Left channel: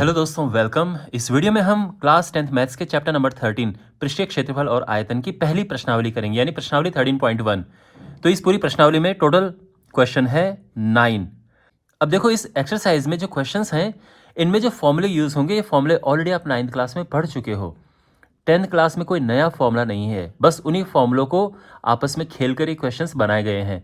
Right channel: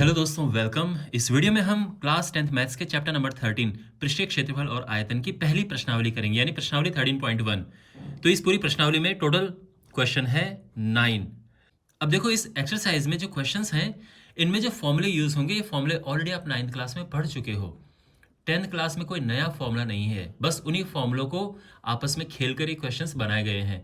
Hello दोस्तों, welcome. इस video में हम क्लास 10th मैथ्स के चैप्टर नंबर 13 पृष्ठीय क्षेत्रफल और आयतन की पहली प्रश्नावली करेंगे, यानी प्रश्नावली 13.1। तो इस पूरी प्रश्नावली में टोटल क्वेश्चन है 9। अब देखो, इस एक्सरसाइज में जो क्वेश्चंस हैं इनमें जो फॉर्मूले यूज़ होंगे, ये फॉर्मूले ऑलरेडी आप 9th क्लास में पढ़ चुके हो। 10th क्लास में कोई नया फॉर्मूला नहीं है, बस उन्हीं फॉर्मूलों को आपस में खेल कर ही क्वेश्चंस बनाए गए हैं।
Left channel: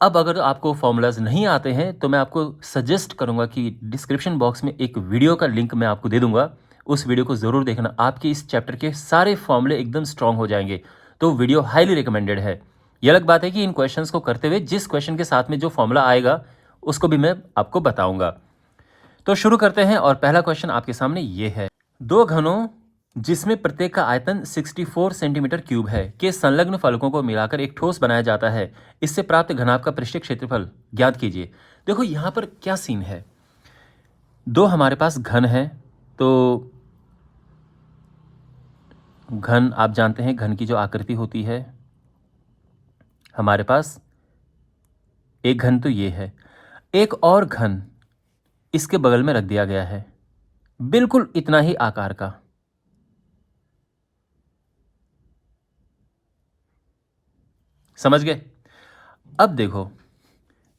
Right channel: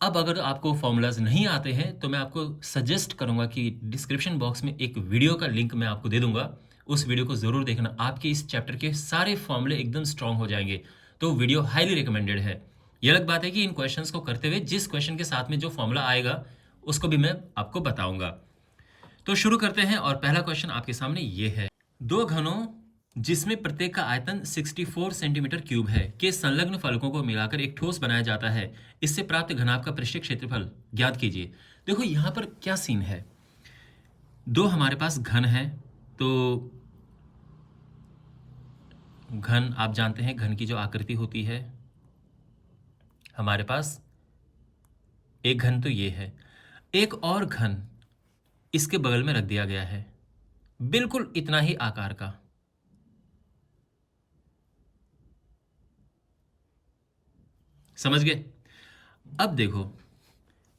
अब अगर आपको फॉर्मूलाज नहीं आते हैं तो मैं आपको सजेस्ट करूंगा कि डिस्क्रिप्शन बॉक्स में एक वीडियो का लिंक मैं आपको दे दूंगा, उस वीडियो को ज़रूर देखना। आपके इस चैप्टर के सारे फॉर्मूले एकदम स्ट्रांग हो जाएंगे, तो वीडियो हाईली रिकमेंडेड है। ये अलग बात है कि इन क्वेश्चंस को करते हुए जिस क्वेश्चन के साथ में जो फॉर्मूला आएगा उसको भी मैं आपको बताऊंगा। तो शुरू करते हैं, और पहला क्वेश्चन आपके सामने ये है। दो घनों जिसमें प्रत्येक का आयतन 64 सेंटीमीटर क्यूब है के संलग्न फलकों को मिलाकर एक ठोस बनाया जाता है, इससे प्राप्त घनाभ का पृष्ठीय क्षेत्रफल ज्ञात कीजिए। देखो यहाँ पर क्या सीन है, दो हमारे पास घन है। तो घन आप जानते हैं, घन की जो आकृति होती है, हमारे पास एक घन तो ये है, एक और घन इसके बगल में रख दिया गया है, बिल्कुल इतना ही आकार का। समझ गए? अब देखो,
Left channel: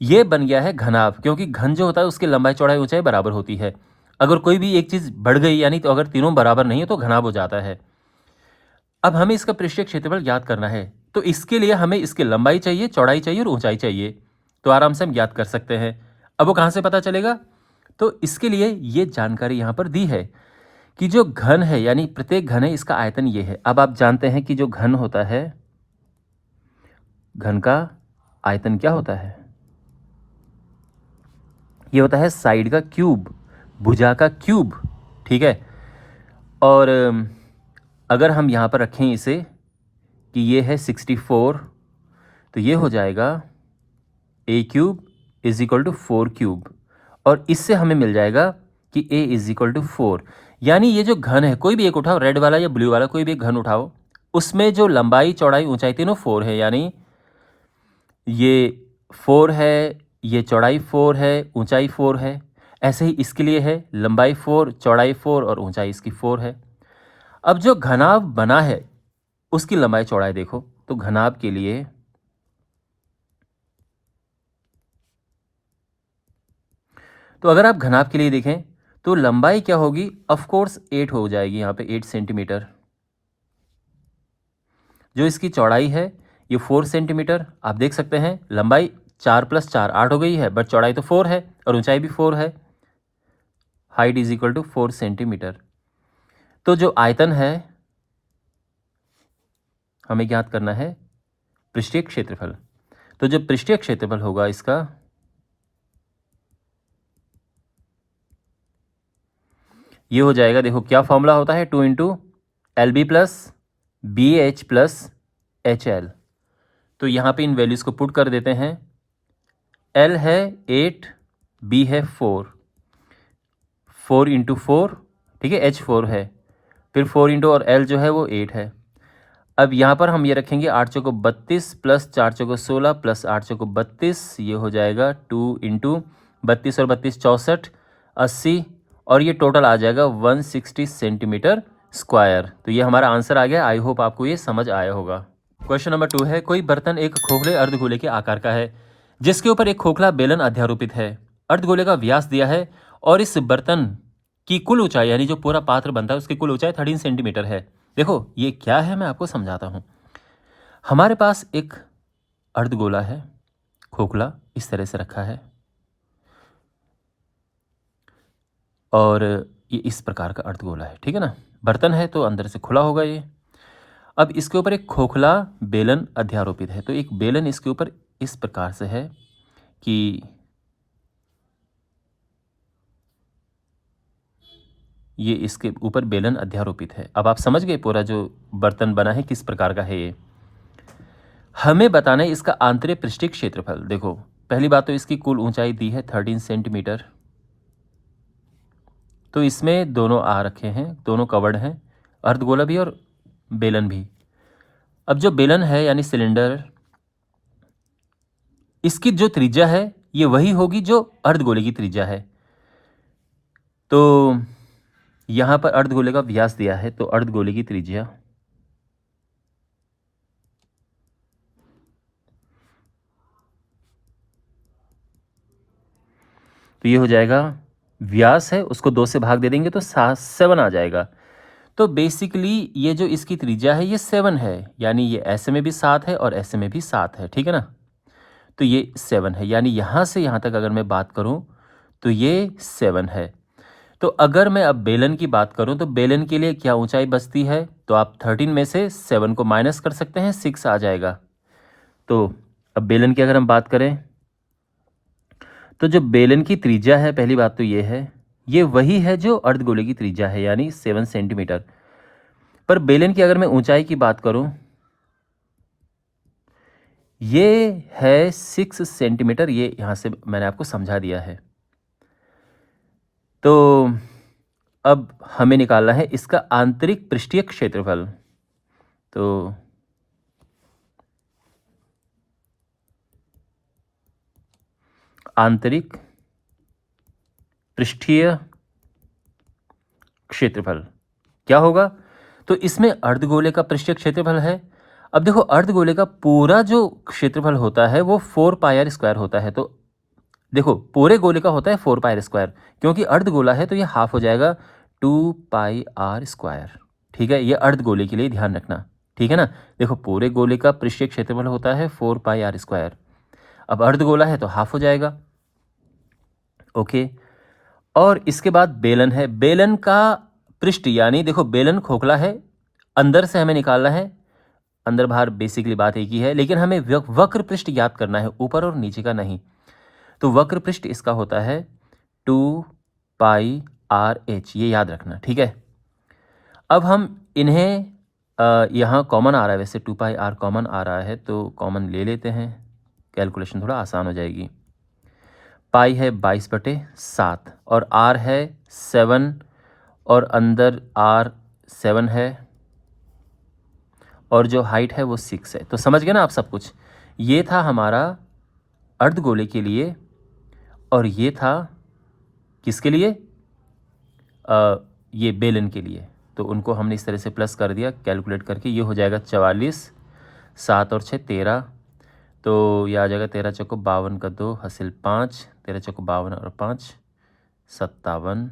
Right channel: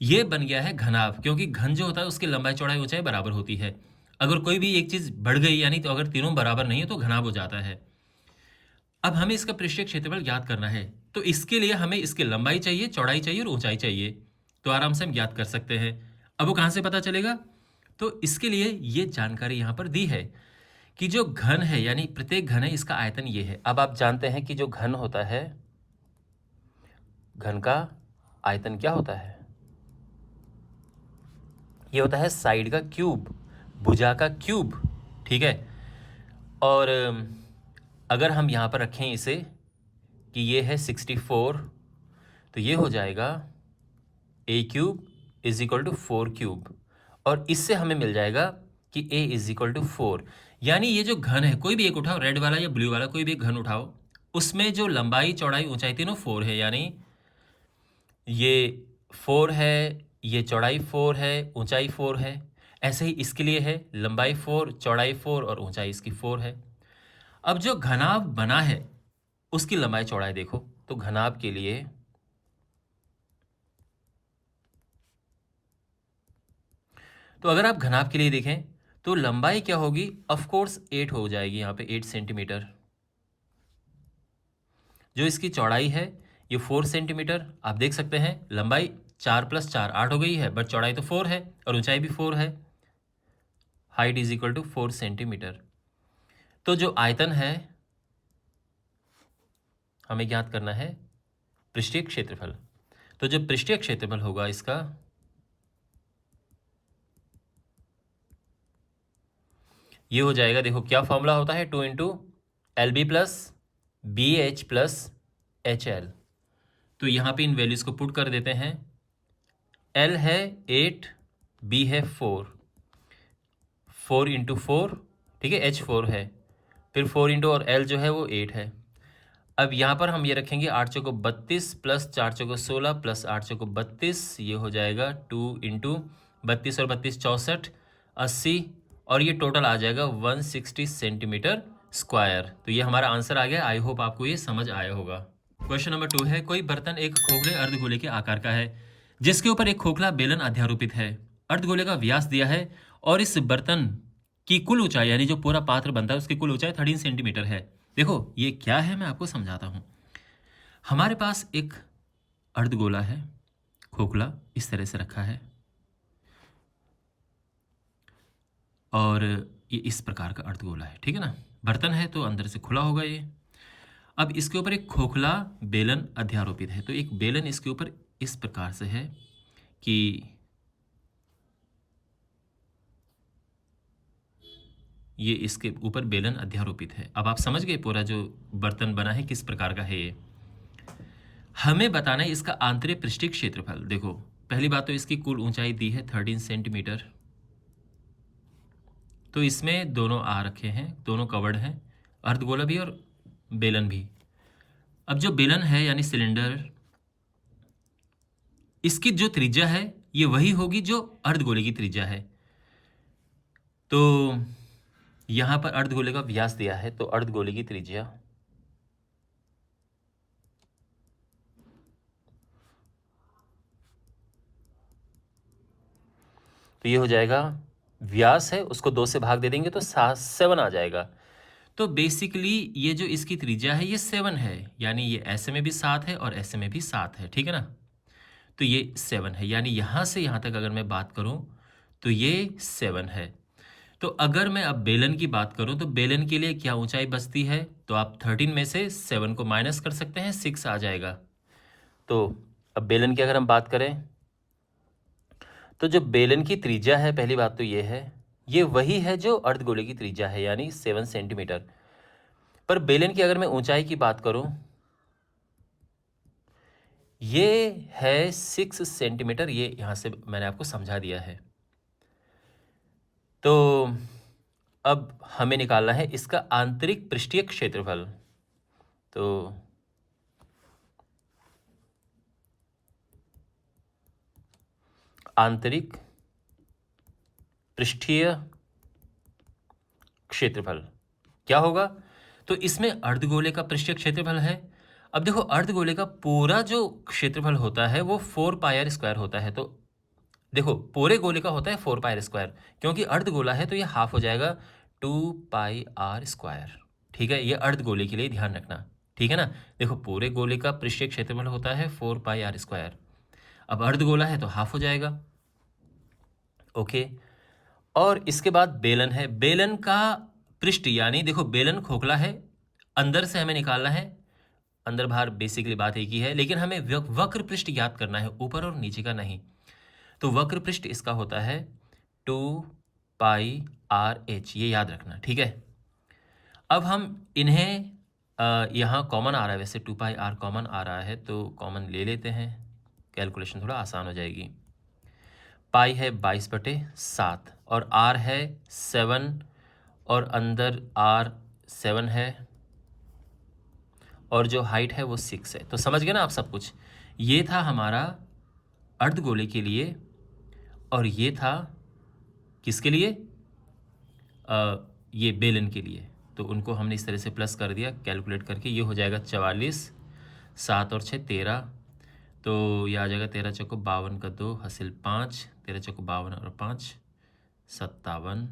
ये बन गया है घनाभ, क्योंकि घन जो होता है उसकी लंबाई चौड़ाई ऊंचाई बराबर होती है। अगर कोई भी एक चीज बढ़ गई, यानी तो अगर तीनों बराबर नहीं है तो घनाभ हो जाता है। अब हमें इसका पृष्ठीय क्षेत्रफल ज्ञात करना है, तो इसके लिए हमें इसकी लंबाई चाहिए, चौड़ाई चाहिए और ऊंचाई चाहिए। तो आराम से हम ज्ञात कर सकते हैं। अब वो कहाँ से पता चलेगा? तो इसके लिए ये जानकारी यहाँ पर दी है कि जो घन है, यानी प्रत्येक घन है, इसका आयतन ये है। अब आप जानते हैं कि जो घन होता है, घन का आयतन क्या होता है? ये होता है साइड का क्यूब, भुजा का क्यूब। ठीक है। और अगर हम यहाँ पर रखें इसे कि ये है 64, तो ये हो जाएगा A cube is equal to 4 cube, और इससे हमें मिल जाएगा कि ए इज इक्वल टू 4। यानी ये जो घन है, कोई भी एक उठाओ, रेड वाला या ब्लू वाला, कोई भी एक घन उठाओ, उसमें जो लंबाई चौड़ाई ऊंचाई तीनों 4 है, यानी ये 4 है, ये चौड़ाई 4 है, ऊंचाई 4 है। ऐसे ही इसके लिए है, लंबाई 4, चौड़ाई 4 और ऊंचाई इसकी 4 है। अब जो घनाभ बना है उसकी लंबाई चौड़ाई देखो, तो घनाभ के लिए तो अगर आप घनाभ के लिए देखें तो लंबाई क्या होगी? ऑफ कोर्स 8 हो जाएगी, यहाँ पे 8 सेंटीमीटर। जो इसकी चौड़ाई है ये 4 सेंटीमीटर। आप देख सकते हैं लंबाई 4 + 4 8 हो गई है, बट चौड़ाई तो 4 है और ऊंचाई भी 4 है। Height is equal to 4 centimetre. तो जो आयतन है हमें ज्ञात करना है पृष्ठीय क्षेत्रफल। तो जो पृष्ठीय क्षेत्रफल होगा इसका, ये हो जाएगा, देखो क्या फॉर्मूला होता है, 2 into LB plus BH plus HL। तो यहाँ पे इन वैल्यूज़ को पुट कर देते हैं। L है 8, B है 4, 4 इंटू 4, ठीक है, H 4 है, फिर 4 इंटू और L जो है वो 8 है। अब यहाँ पर हम ये रखेंगे 8 चौको 32 प्लस 4 चौको 16 प्लस 8 चौको 32, ये हो जाएगा 2 इंटू 32 और 32 64, 80, और ये टोटल आ जाएगा 160 सेंटीमीटर स्क्वायर। तो ये हमारा आंसर आ गया। आई होप आपको ये समझ आया होगा। क्वेश्चन नंबर 2 है, कोई बर्तन एक खोखले अर्धगोले के आकार का है जिसके ऊपर एक खोखला बेलन अध्यारोपित है। अर्धगोले का व्यास दिया है और इस बर्तन की कुल ऊंचाई, यानी जो पूरा पात्र बनता है उसकी कुल ऊंचाई 13 सेंटीमीटर है। देखो ये क्या है, मैं आपको समझाता हूं। हमारे पास एक अर्धगोला है, खोखला इस तरह से रखा है, और ये इस प्रकार का अर्धगोला है, ठीक है ना। बर्तन है तो अंदर से खुला होगा ये। अब इसके ऊपर एक खोखला बेलन अध्यारोपित है, तो एक बेलन इसके ऊपर इस प्रकार से है कि ये इसके ऊपर बेलन अध्यारोपित है। अब आप समझ गए पूरा जो बर्तन बना है किस प्रकार का है ये। हमें बताना है इसका आंतरिक पृष्ठीय क्षेत्रफल। देखो पहली बात तो इसकी कुल ऊंचाई दी है 13 सेंटीमीटर, तो इसमें दोनों आ रखे हैं, दोनों कवर्ड हैं, अर्धगोला भी और बेलन भी। अब जो बेलन है यानी सिलेंडर, इसकी जो त्रिज्या है ये वही होगी जो अर्धगोले की त्रिज्या है। तो यहाँ पर अर्धगोले का व्यास दिया है, तो अर्धगोले की त्रिज्या तो ये हो जाएगा, व्यास है उसको 2 से भाग दे देंगे तो 7 आ जाएगा। तो बेसिकली ये जो इसकी त्रिज्या है ये 7 है, यानी ये ऐसे में भी 7 है और ऐसे में भी 7 है, ठीक है ना। तो ये 7 है, यानी यहाँ से यहाँ तक अगर मैं बात करूँ तो ये 7 है। तो अगर मैं अब बेलन की बात करूँ तो बेलन के लिए क्या ऊंचाई बचती है, तो आप 13 में से 7 को माइनस कर सकते हैं, 6 आ जाएगा। तो अब बेलन की अगर हम बात करें तो जो बेलन की त्रिज्या है, पहली बात तो ये है, ये वही है जो अर्धगोले की त्रिज्या है, यानी 7 सेंटीमीटर। पर बेलन की अगर मैं ऊंचाई की बात करूं, ये है 6 सेंटीमीटर, ये यहाँ से मैंने आपको समझा दिया है। तो अब हमें निकालना है इसका आंतरिक पृष्ठीय क्षेत्रफल। तो आंतरिक पृष्ठीय क्षेत्रफल क्या होगा, तो इसमें अर्धगोले का पृष्ठीय क्षेत्रफल है। अब देखो अर्धगोले का पूरा जो क्षेत्रफल होता है वो 4πr² होता है। तो देखो पूरे गोले का होता है 4πr², क्योंकि अर्धगोला है तो ये हाफ हो जाएगा 2πr²। ठीक है, ये अर्धगोले के लिए ध्यान रखना, ठीक है ना। देखो पूरे गोले का पृष्ठीय क्षेत्रफल होता है 4πr², अब अर्धगोला है तो हाफ हो जाएगा। ओके, और इसके बाद बेलन है। बेलन का पृष्ठ, यानी देखो बेलन खोखला है, अंदर से हमें निकालना है, अंदर बाहर बेसिकली बात एक ही है, लेकिन हमें वक्र पृष्ठ ज्ञात करना है, ऊपर और नीचे का नहीं। तो वक्र पृष्ठ इसका होता है 2πrh, ये याद रखना, ठीक है। अब हम इन्हें यहाँ कॉमन आ रहा है, वैसे 2πr कॉमन आ रहा है तो कॉमन ले लेते हैं, कैलकुलेशन थोड़ा आसान हो जाएगी। पाई है 22/7 और आर है 7, और अंदर आर 7 है, और जो हाइट है वो 6 है। तो समझ गए ना आप सब कुछ। ये था हमारा अर्धगोले के लिए, और ये था किसके लिए, ये बेलन के लिए। तो उनको हमने इस तरह से प्लस कर दिया कैलकुलेट करके, ये हो जाएगा 44, 7 और 6 13, तो ये आ जाएगा 13 चौको 52 का 2 हासिल 5, 13 चौको 52 और 5 57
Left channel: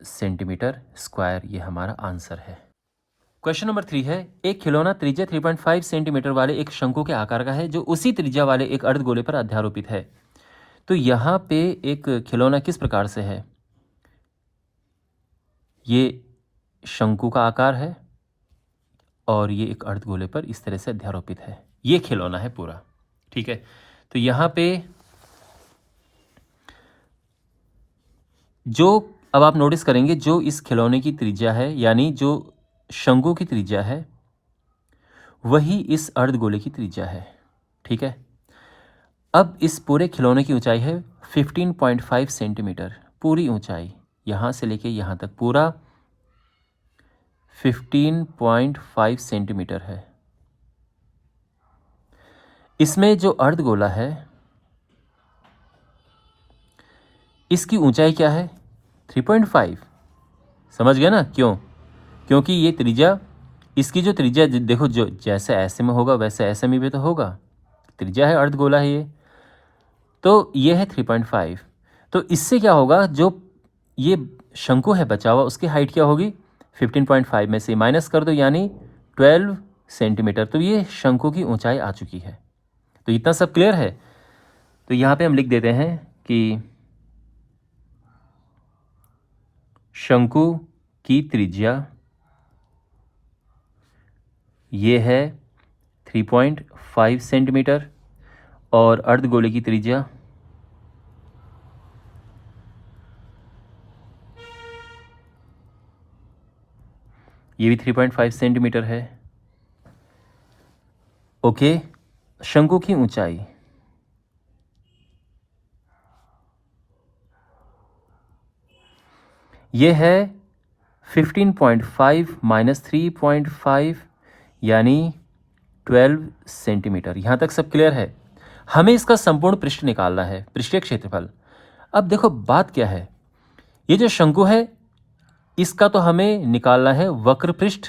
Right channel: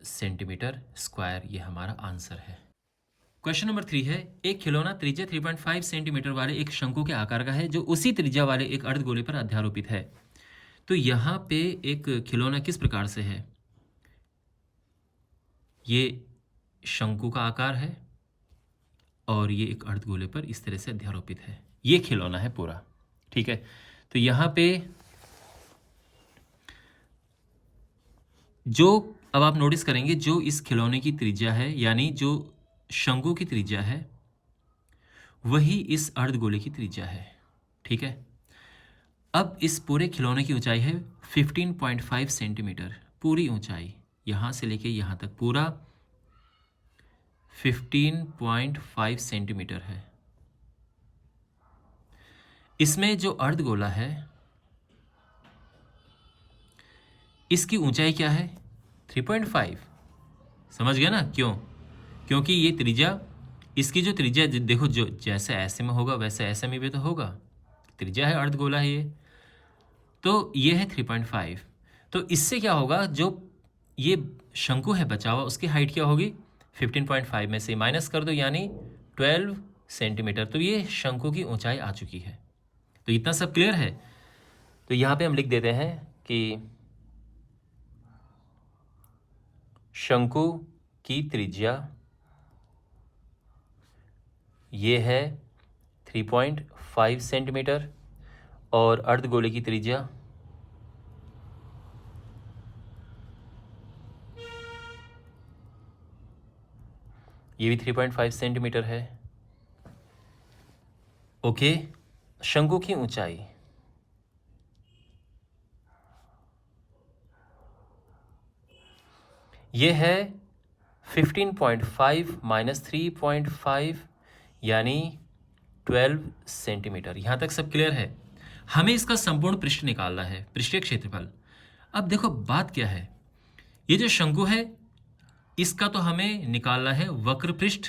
सेंटीमीटर स्क्वायर, ये हमारा आंसर है। क्वेश्चन नंबर 3 है, एक खिलौना त्रिज्या 3.5 सेंटीमीटर वाले एक शंकु के आकार का है जो उसी त्रिज्या वाले एक अर्धगोले पर अध्यारोपित है। तो यहाँ पे एक खिलौना किस प्रकार से है, ये शंकु का आकार है और ये एक अर्धगोले पर इस तरह से अध्यारोपित है, ये खिलौना है पूरा, ठीक है। तो यहाँ पे जो अब आप नोटिस करेंगे, जो इस खिलौने की त्रिज्या है, यानी जो शंकु की त्रिज्या है, वही इस अर्धगोले की त्रिज्या है, ठीक है। अब इस पूरे खिलौने की ऊंचाई है 15.5 सेंटीमीटर, पूरी ऊंचाई यहाँ से लेके यहाँ तक पूरा 15.5 सेंटीमीटर है। इसमें जो अर्धगोला है इसकी ऊंचाई क्या है, 3.5। समझ गया ना, क्यों, क्योंकि ये त्रिज्या, इसकी जो त्रिज्या देखो, जो जैसे ऐसे में होगा वैसे ऐसे में भी तो होगा, त्रिज्या है, अर्धगोला है ये, तो ये है 3.5। तो इससे क्या होगा, जो ये शंकु है बचा हुआ उसकी हाइट क्या होगी, 15.5 में से माइनस कर दो, यानी 12 सेंटीमीटर। तो ये शंकु की ऊंचाई आ चुकी है। तो इतना सब क्लियर है। तो यहाँ पे हम लिख देते हैं कि शंकु की त्रिज्या ये है 3.5 सेंटीमीटर, और अर्धगोले की त्रिज्या ये भी 3.5 सेंटीमीटर है। ओके, शंकु की ऊंचाई ये है 15.5 माइनस 3.5 यानी 12 सेंटीमीटर। यहाँ तक सब क्लियर है। हमें इसका संपूर्ण पृष्ठ निकालना है, पृष्ठीय क्षेत्रफल। अब देखो बात क्या है, ये जो शंकु है इसका तो हमें निकालना है वक्र पृष्ठ,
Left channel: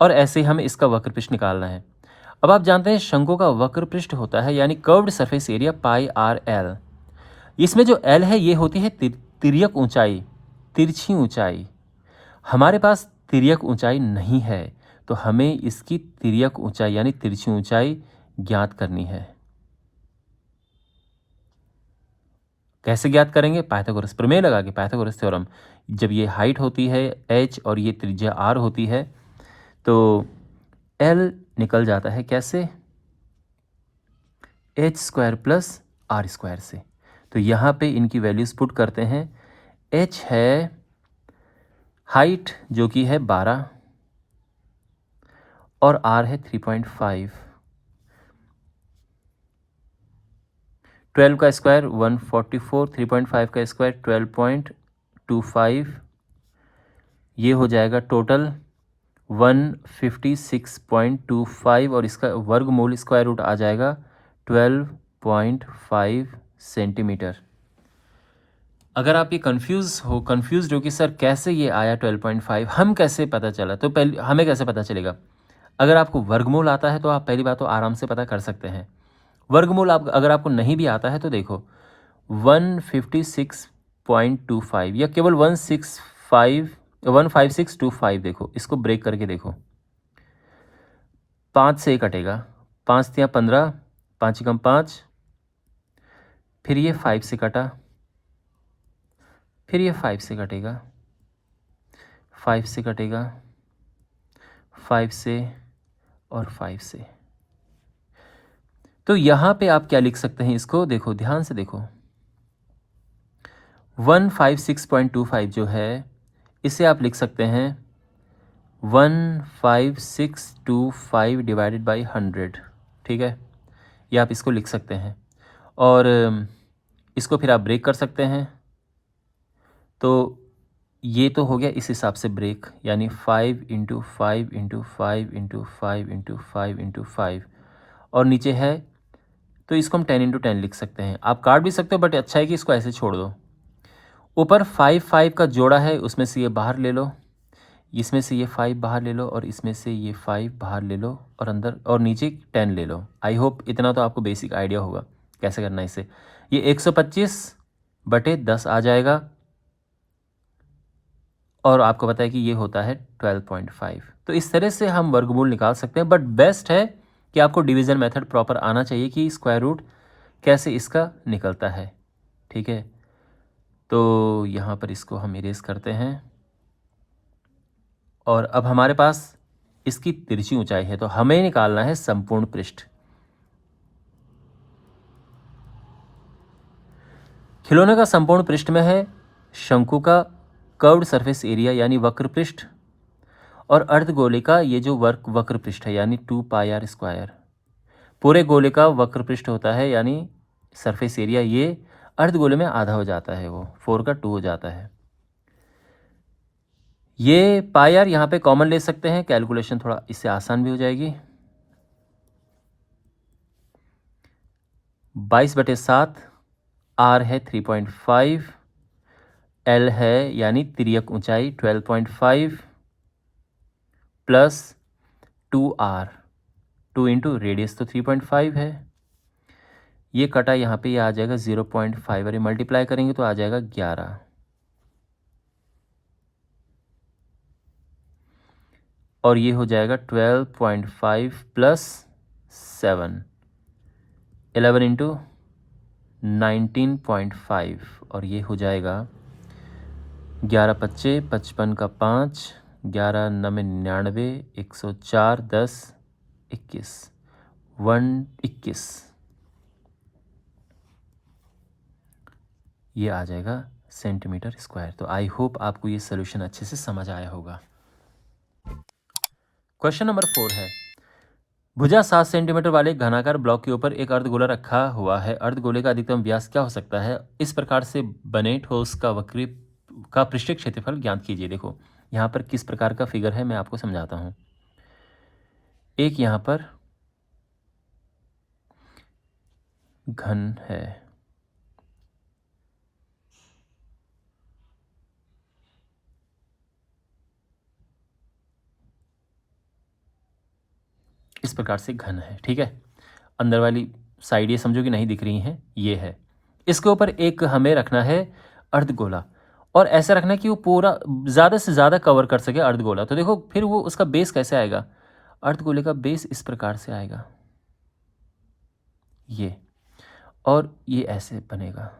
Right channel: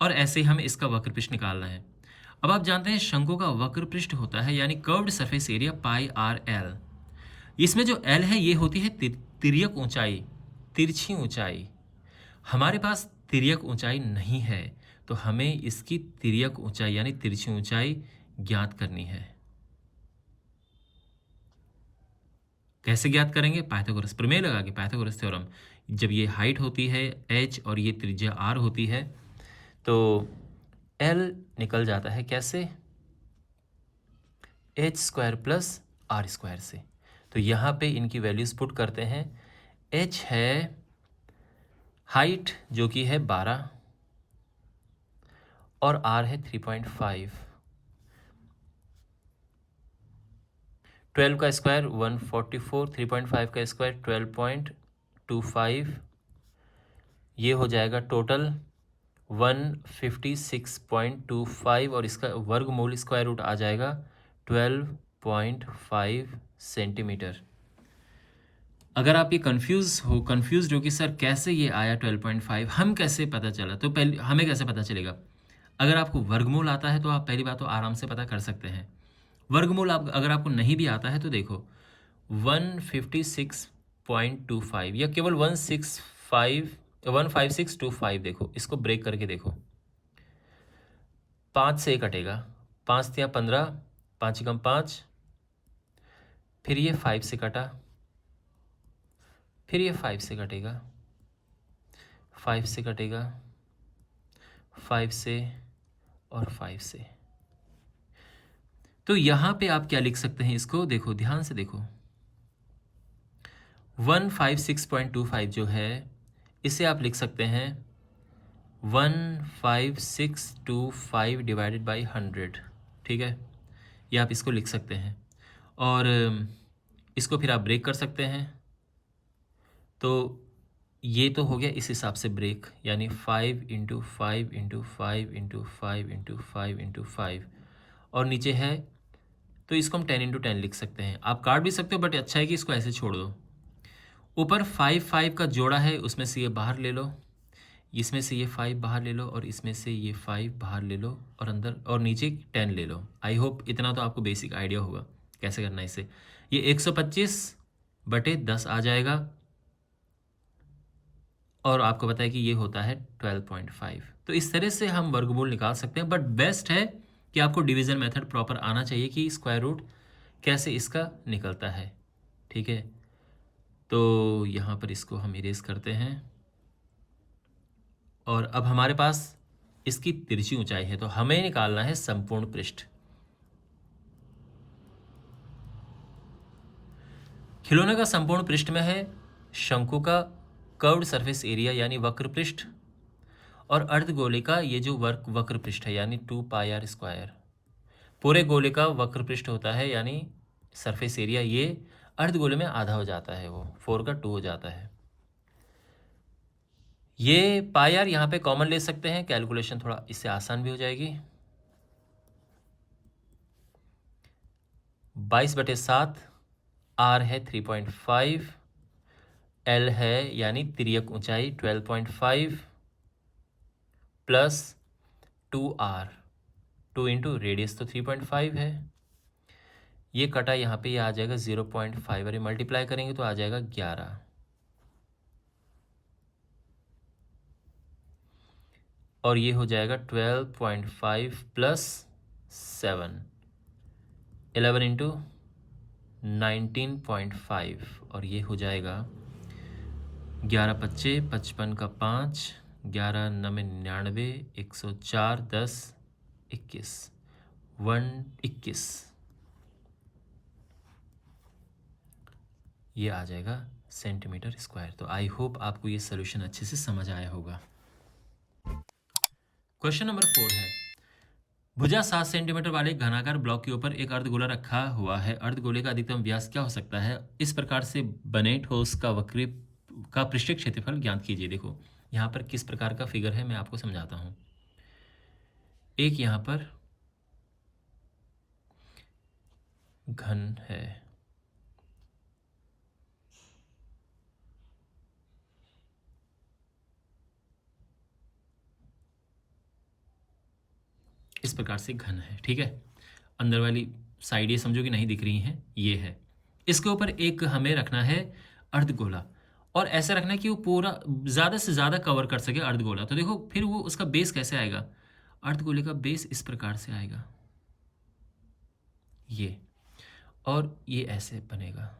और ऐसे ही हमें इसका वक्र पृष्ठ निकालना है। अब आप जानते हैं शंकु का वक्र पृष्ठ होता है यानी curved surface area pi R L. इसमें जो एल है ये होती है तिर्यक ऊंचाई, तिरछी ऊंचाई। हमारे पास तिर्यक ऊंचाई नहीं है, तो हमें इसकी तिर्यक ऊंचाई यानी तिरछी ऊंचाई ज्ञात करनी है। कैसे ज्ञात करेंगे? पाइथागोरस प्रमेय लगा के, पाइथागोरस थ्योरम। जब ये हाइट होती है h और ये त्रिज्या r होती है तो l निकल जाता है कैसे? h square plus r square से। तो यहाँ पे इनकी वैल्यूज पुट करते हैं। h है हाइट जो कि है 12 और r है 3.5। 12 का स्क्वायर 144, 3.5 का स्क्वायर 12.25, ये हो जाएगा टोटल 156.25 और इसका वर्गमूल स्क्वायर रूट आ जाएगा 12.5 सेंटीमीटर। अगर आप ये कंफ्यूज हो कि सर कैसे ये आया 12.5, हम कैसे पता चला, तो पहले हमें कैसे पता चलेगा? अगर आपको वर्गमूल आता है तो आप पहली बात तो आराम से पता कर सकते हैं। वर्गमूल अगर आपको नहीं भी आता है तो देखो 156.25 या केवल 15625 देखो, इसको ब्रेक करके देखो। 5 से कटेगा, 5 तिया 15, 5 एकम 5, फिर ये 5 से कटा, फिर ये 5 से कटेगा, 5 से कटेगा, 5 से और 5 से। तो यहाँ पे आप क्या लिख सकते हैं इसको देखो, ध्यान से देखो। 156.25 जो है इसे आप लिख सकते हैं 15625 डिवाइडेड बाई 100, ठीक है? ये आप इसको लिख सकते हैं और इसको फिर आप ब्रेक कर सकते हैं। तो ये तो हो गया इस हिसाब से ब्रेक, यानी 5 into 5 into 5 into 5 into 5 into 5 और नीचे है तो इसको हम 10 इंटू 10 लिख सकते हैं। आप काट भी सकते हो बट अच्छा है कि इसको ऐसे छोड़ दो। ऊपर 5 का जोड़ा है, उसमें से ये बाहर ले लो, इसमें से ये 5 बाहर ले लो और इसमें से ये 5 बाहर ले लो और अंदर और नीचे 10 ले लो। आई होप इतना तो आपको बेसिक आइडिया होगा कैसे करना है इसे। ये 125/10 आ जाएगा और आपको पता है कि ये होता है 12.5। तो इस तरह से हम वर्गमूल निकाल सकते हैं, बट बेस्ट है कि आपको डिवीज़न मेथड प्रॉपर आना चाहिए कि स्क्वायर रूट कैसे इसका निकलता है, ठीक है? तो यहाँ पर इसको हम इरेज करते हैं और अब हमारे पास इसकी तिरछी ऊंचाई है, तो हमें निकालना है संपूर्ण पृष्ठ। खिलौने का संपूर्ण पृष्ठ में है शंकु का कर्व्ड सरफेस एरिया यानी वक्र पृष्ठ, और अर्धगोले का ये जो वक्र पृष्ठ है यानी 2πr स्क्वायर। पूरे गोले का वक्र पृष्ठ होता है यानी सरफेस एरिया, ये अर्धगोले में आधा हो जाता है, वो 4 का 2 हो जाता है। ये πr यहाँ पे कॉमन ले सकते हैं, कैलकुलेशन थोड़ा इससे आसान भी हो जाएगी। 22/7, r है 3.5, l है यानी तिर्यक ऊंचाई 12.5 प्लस 2r, 2 इंटू रेडियस तो 3.5 है। ये कटा यहाँ पे ये आ जाएगा 0.5 और ये मल्टीप्लाई करेंगे तो आ जाएगा 11। और ये हो जाएगा 12.5 प्लस 7, 11 इंटू 19.5 और ये हो जाएगा 11 पच्चे 55 का 5, 11 9 99, 104, 10 21, 121। ये आ जाएगा सेंटीमीटर स्क्वायर। तो आई होप आपको ये सोल्यूशन अच्छे से समझ आया होगा। क्वेश्चन नंबर 4 है, भुजा 7 सेंटीमीटर वाले एक घनाकार ब्लॉक के ऊपर एक अर्धगोला रखा हुआ है। अर्धगोले का अधिकतम व्यास क्या हो सकता है? इस प्रकार से बने ठोस का वक्री का पृष्ठीय क्षेत्रफल ज्ञात कीजिए। देखो यहाँ पर किस प्रकार का फिगर है मैं आपको समझाता हूँ। एक यहाँ पर घन है, इस प्रकार से घन है, ठीक है। अंदर वाली साइड ये समझो कि नहीं दिख रही हैं, ये है। इसके ऊपर एक हमें रखना है अर्धगोला, और ऐसा रखना है कि वो पूरा ज़्यादा से ज़्यादा कवर कर सके अर्धगोला। तो देखो फिर वो उसका बेस कैसे आएगा, अर्धगोले का बेस इस प्रकार से आएगा, ये, और ये ऐसे बनेगा,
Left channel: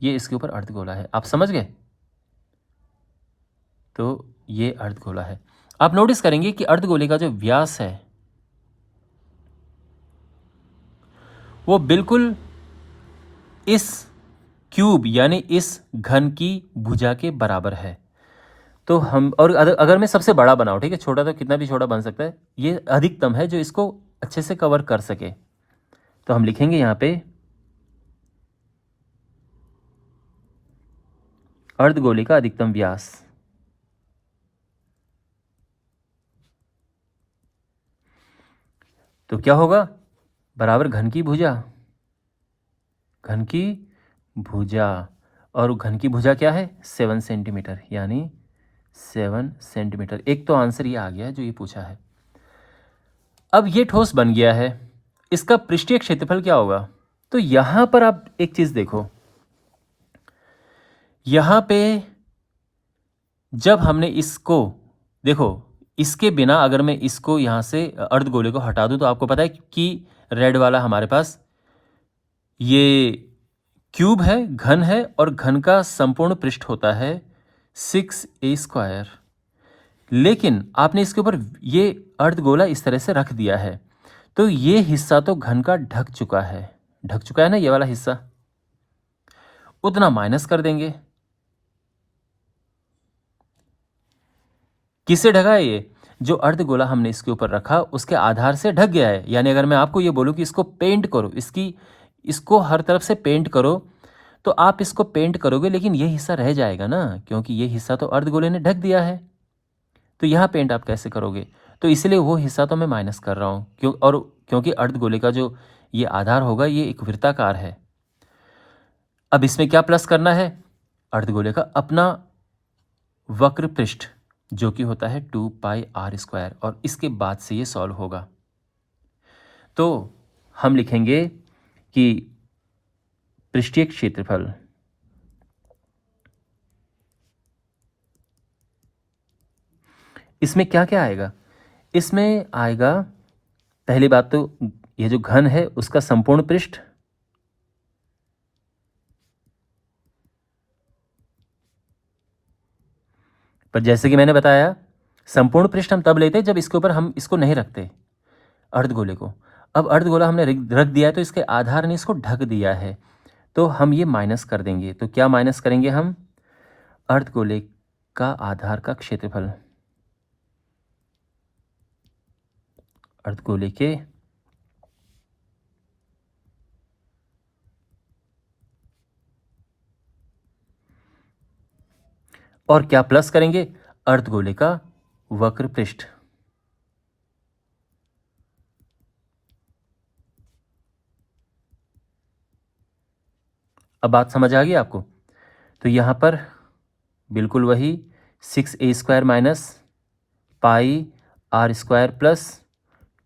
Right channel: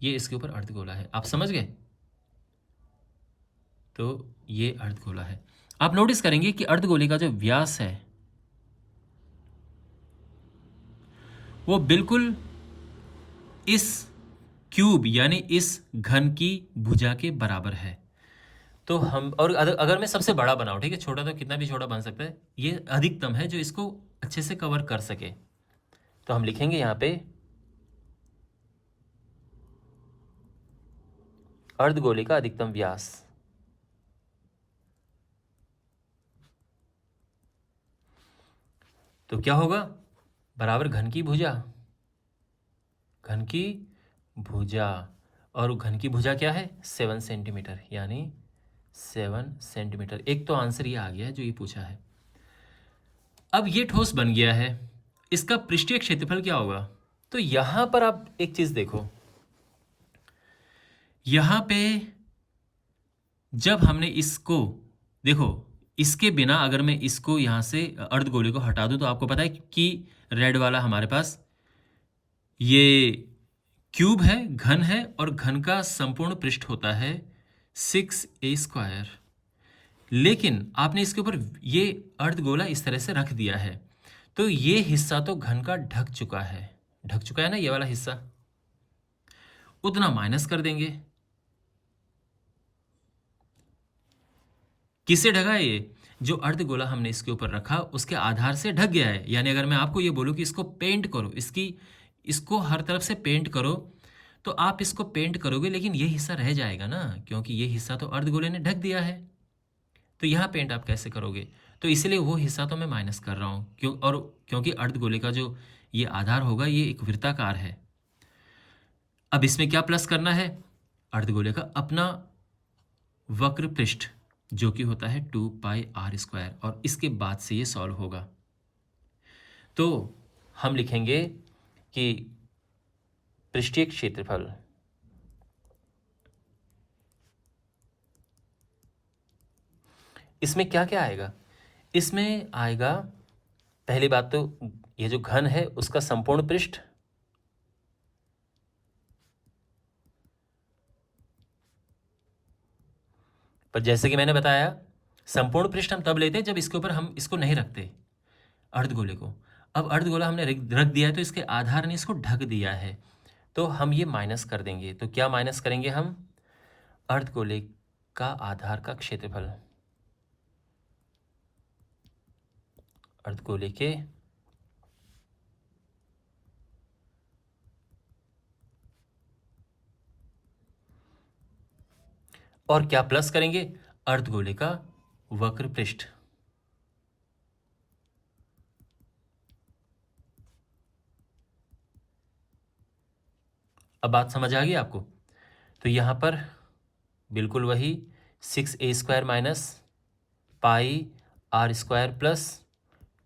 ये इसके ऊपर अर्धगोला है। आप समझ गए? तो ये अर्धगोला है। आप नोटिस करेंगे कि अर्धगोले का जो व्यास है वो बिल्कुल इस क्यूब यानी इस घन की भुजा के बराबर है। तो हम, और अगर मैं सबसे बड़ा बनाऊं, ठीक है, छोटा तो कितना भी छोटा बन सकता है, ये अधिकतम है जो इसको अच्छे से कवर कर सके। तो हम लिखेंगे यहाँ पे अर्धगोले का अधिकतम व्यास। तो क्या होगा, बराबर घन की भुजा, घन की भुजा, और घन की भुजा क्या है, 7 सेंटीमीटर, यानी 7 सेंटीमीटर। एक तो आंसर ये आ गया जो ये पूछा है। अब ये ठोस बन गया है, इसका पृष्ठीय क्षेत्रफल क्या होगा? तो यहां पर आप एक चीज देखो, यहां पे जब हमने इसको, देखो इसके बिना अगर मैं इसको यहां से अर्धगोले को हटा दूं तो आपको पता है कि रेड वाला हमारे पास ये क्यूब है, घन है, और घन का संपूर्ण पृष्ठ होता है 6a²। लेकिन आपने इसके ऊपर ये अर्धगोला इस तरह से रख दिया है, तो ये हिस्सा तो घन का ढक चुका है, ढक चुका है ना ये वाला हिस्सा, उतना माइनस कर देंगे। किससे ढका है ये, जो अर्धगोला हमने इसके ऊपर रखा उसके आधार से ढक गया है। यानी अगर मैं आपको ये बोलूं कि इसको पेंट करो, इसको हर तरफ से पेंट करो, तो आप इसको पेंट करोगे लेकिन ये हिस्सा रह जाएगा ना, क्योंकि ये हिस्सा तो अर्धगोले ने ढक दिया है। तो यहाँ पेंट आप कैसे करोगे? तो इसलिए वो हिस्सा तो मैं माइनस कर रहा हूँ, क्योंकि अर्धगोले का जो ये आधार होगा ये एक वृत्ताकार है। अब इसमें क्या प्लस करना है, अर्धगोले का अपना वक्र पृष्ठ जो कि होता है 2πr², और इसके बाद से ये सॉल्व होगा। तो हम लिखेंगे कि पृष्ठीय क्षेत्रफल इसमें क्या क्या आएगा, इसमें आएगा पहली बात तो ये जो घन है उसका संपूर्ण पृष्ठ, पर जैसे कि मैंने बताया संपूर्ण पृष्ठ हम तब लेते हैं जब इसके ऊपर हम इसको नहीं रखते अर्धगोले को। अब अर्धगोला हमने रख दिया है तो इसके आधार ने इसको ढक दिया है, तो हम ये माइनस कर देंगे। तो क्या माइनस करेंगे हम, अर्धगोले का आधार का क्षेत्रफल, अर्धगोले के और क्या प्लस करेंगे, अर्धगोले का वक्र पृष्ठ। अब बात समझ आ गई आपको? तो यहां पर बिल्कुल वही 6a² minus πr² plus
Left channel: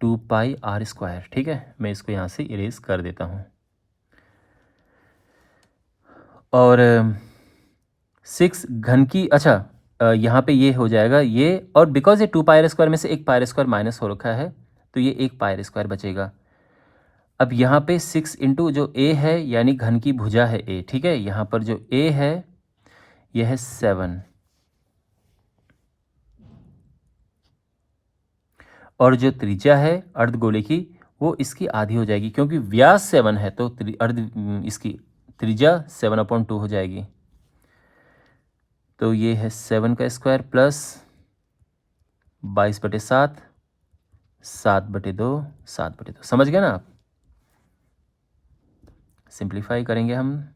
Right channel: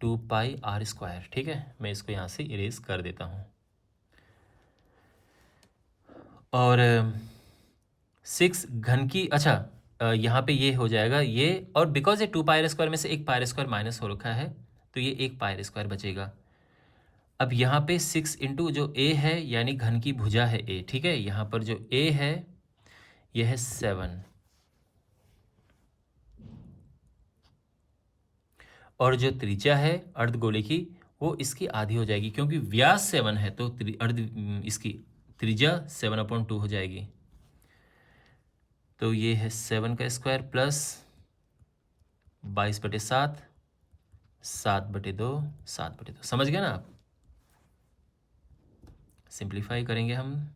2πr², ठीक है। मैं इसको यहां से इरेज कर देता हूं, और 6 घन की, अच्छा यहाँ पे ये हो जाएगा ये, और बिकॉज ये 2πr² में से एक πr² माइनस हो रखा है तो ये एक πr² बचेगा। अब यहाँ पे 6 इंटू जो a है यानी घन की भुजा है a, ठीक है, यहाँ पर जो a है यह है 7, और जो त्रिज्या है अर्धगोले की वो इसकी आधी हो जाएगी, क्योंकि व्यास 7 है तो इसकी त्रिज्या 7/2 हो जाएगी। तो ये है 7 का स्क्वायर प्लस 22/7, 7/2, 7/2। समझ गए ना आप? सिंप्लीफाई करेंगे हम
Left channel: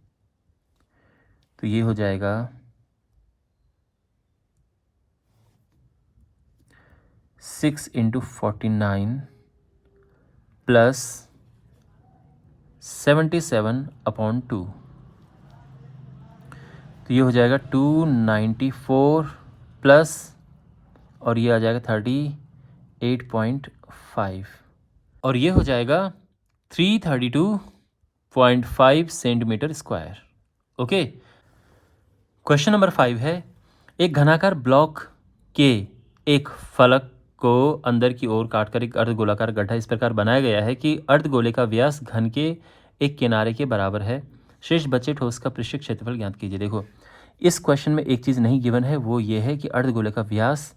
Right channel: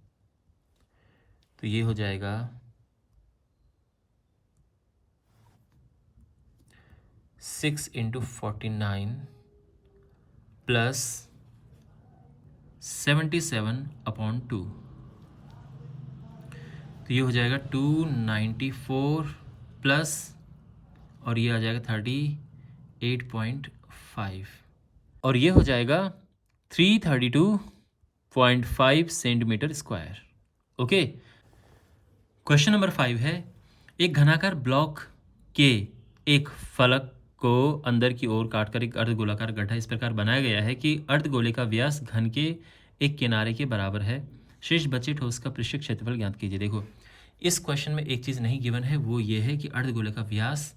तो ये हो जाएगा 6 इंटू 49 प्लस 77/2, तो ये हो जाएगा 294 प्लस, और ये आ जाएगा 38.5। और ये हो जाएगा 332.5 centimetre square. Okay. Question number 5 है, एक घनाकार ब्लॉक के एक फलक को अंदर की ओर काटकर एक अर्धगोलाकार गड्ढा इस प्रकार बनाया गया है कि अर्धगोले का व्यास घन के एक किनारे के बराबर है। शेष बचे ठोस का पृष्ठीय क्षेत्रफल ज्ञात कीजिए। देखो, इस क्वेश्चन में एक चीज़ नहीं गिवन है, वो ये है कि अर्धगोले का व्यास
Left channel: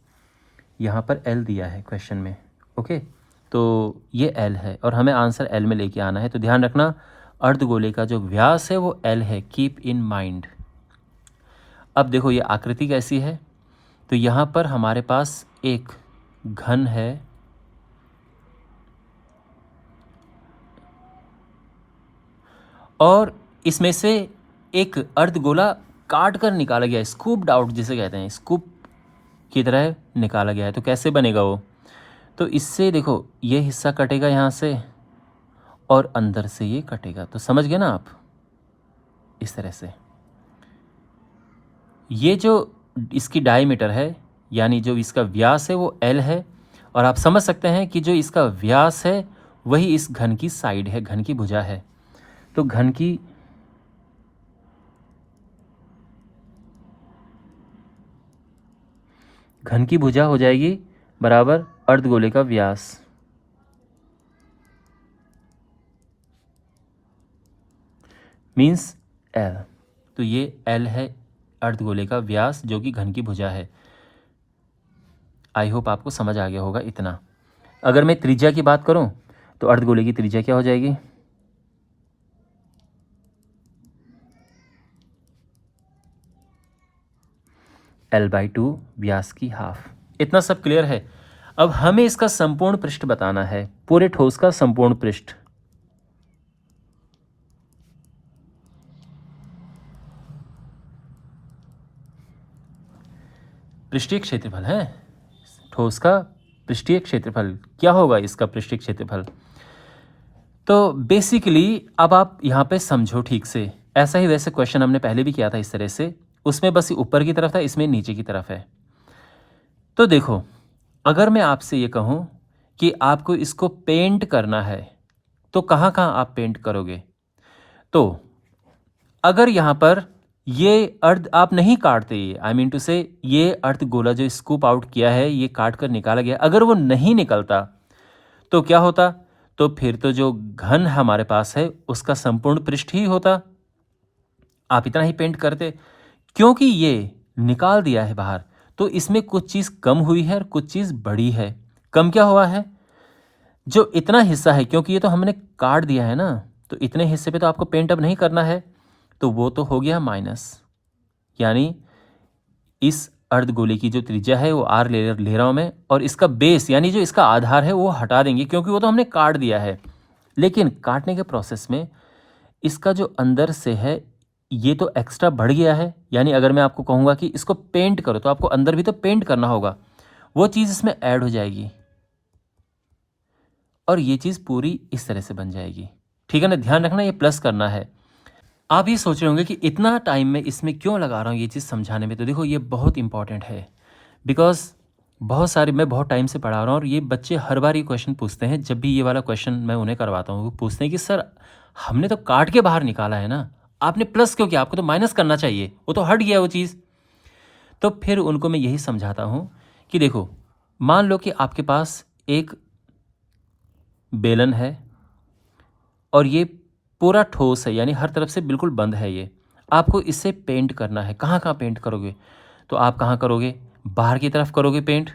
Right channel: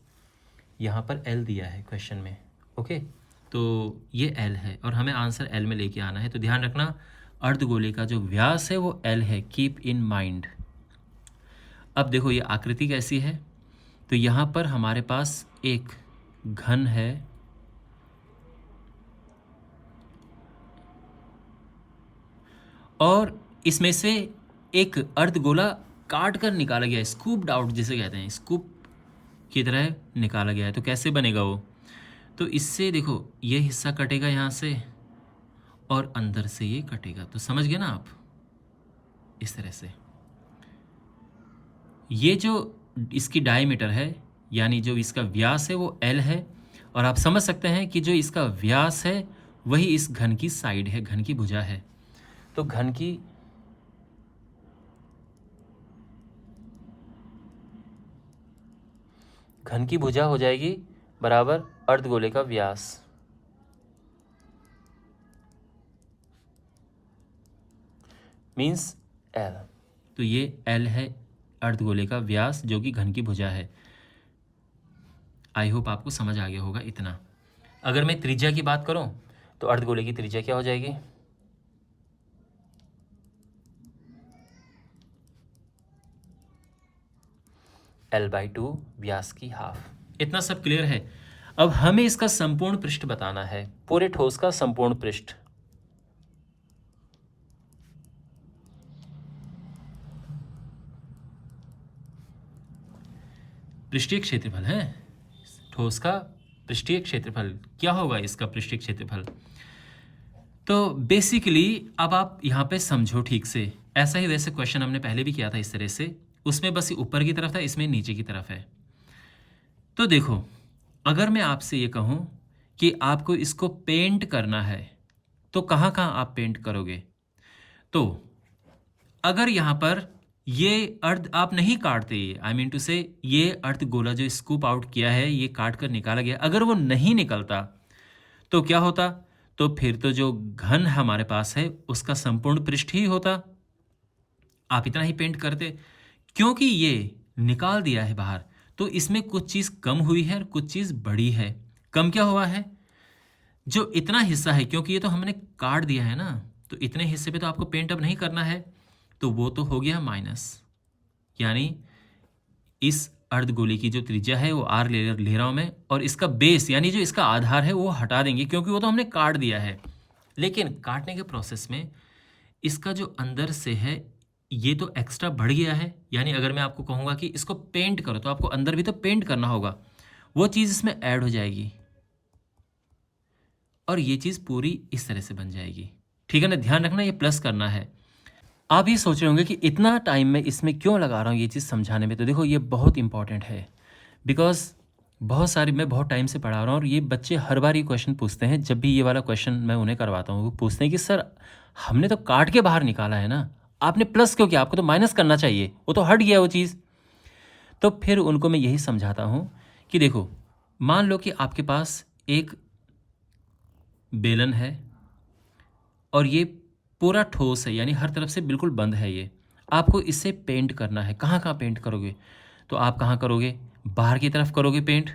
यहाँ पर एल दिया है क्वेश्चन में। ओके, तो ये एल है और हमें आंसर एल में लेके आना है। तो ध्यान रखना, अर्धगोले का जो व्यास है वो एल है, कीप इन माइंड। अब देखो ये आकृति कैसी है, तो यहाँ पर हमारे पास एक घन है और इसमें से एक अर्धगोला काट कर निकाला गया है, स्कूप्ड आउट जिसे कहते हैं, स्कूप की तरह निकाला गया है। तो कैसे बनेगा वो, तो इससे देखो ये हिस्सा कटेगा यहाँ से और अंदर से ये कटेगा। तो समझ गए ना आप, इस तरह से। ये जो इसकी डायमीटर है यानी जो इसका व्यास है वो एल है, और आप समझ सकते हैं कि जो इसका व्यास है वही इस घन की साइड है, घन की भुजा है। तो घन की भुजा हो जाएगी बराबर अर्धगोले का व्यास। Means L. तो ये एल है अर्धगोले का व्यास जो कि घन की भुजा है। आई होप आपको समझ आ गया होगा इतना। अगर मैं त्रिज्या की बात करूं तो अर्धगोले की त्रिज्या क्या हो जाएगी, L/2 व्यास की हाफ। इतना सब क्लियर है। अब हमें इसका संपूर्ण पृष्ठ बताना है, पूरे ठोस का संपूर्ण पृष्ठ। पृष्ठीय क्षेत्रफल है ठोस का, पृष्ठीय क्षेत्रफल क्या होगा इसका पृष्ठीय क्षेत्रफल। तो बेसिकली अब आप यहाँ पे समझो ठीक से, ऐसा ही वैसे क्वेश्चन हमने पहले भी किया था इस तरह से, उसमें बस ऊपर की तरफ था, इसमें नीचे की तरफ है। तो देखो, अगर मैं आपसे ये कहूँ कि आपको इसको पेंट करना है तो कहाँ कहाँ आप पेंट करोगे। तो अगर यहाँ पर ये अर्ध आप नहीं काटते, आई मीन टू से ये अर्ध गोला जो स्कूप आउट किया है ये काट कर निकाला गया, अगर वो नहीं निकलता तो क्या होता, तो फिर तो जो घन हमारे पास है उसका संपूर्ण पृष्ठ ही होता, आप इतना ही पेंट करते। क्योंकि ये निकाल दिया है बाहर तो इसमें कुछ चीज़ कम हुई है और कुछ चीज़ बड़ी है। कम क्या हुआ है, जो इतना हिस्सा है, क्योंकि ये तो हमने काट दिया है ना, तो इतने हिस्से पे तो आपको पेंट अब नहीं करना है, तो वो तो हो गया माइनस। यानी इस अर्धगोले की जो त्रिज्या है वो आर ले रहा हूँ मैं, और इसका बेस यानी जो इसका आधार है वो हटा देंगे क्योंकि वो तो हमने काट दिया है। लेकिन काटने के प्रोसेस में इसका जो अंदर से है ये तो एक्स्ट्रा बढ़ गया है। यानी अगर मैं आपको कहूँगा कि इसको पेंट करो तो आपको अंदर भी तो पेंट करना होगा, वो चीज़ इसमें ऐड हो जाएगी और ये चीज़ पूरी इस तरह से बन जाएगी। ठीक है ना, ध्यान रखना ये प्लस करना है। आप ये सोच रहे होंगे कि इतना टाइम मैं इसमें क्यों लगा रहा हूँ ये चीज़ समझाने में। तो देखो ये बहुत इंपॉर्टेंट है, बिकॉज मैं बहुत टाइम से पढ़ा रहा हूँ और ये बच्चे हर बार ये क्वेश्चन पूछते हैं। जब भी ये वाला क्वेश्चन मैं उन्हें करवाता हूँ वो पूछते हैं कि सर हमने तो काट के बाहर निकाला है ना, आपने प्लस क्यों किया, आपको तो माइनस करना चाहिए, वो तो हट गया वो चीज़। तो फिर उनको मैं यही समझाता हूँ कि देखो, मान लो कि आपके पास एक बेलन है और ये पूरा ठोस है, यानी हर तरफ से बिल्कुल बंद है ये, आपको इससे पेंट करना है। कहाँ कहाँ पेंट करोगे, तो आप कहाँ करोगे, बाहर की तरफ करोगे पेंट,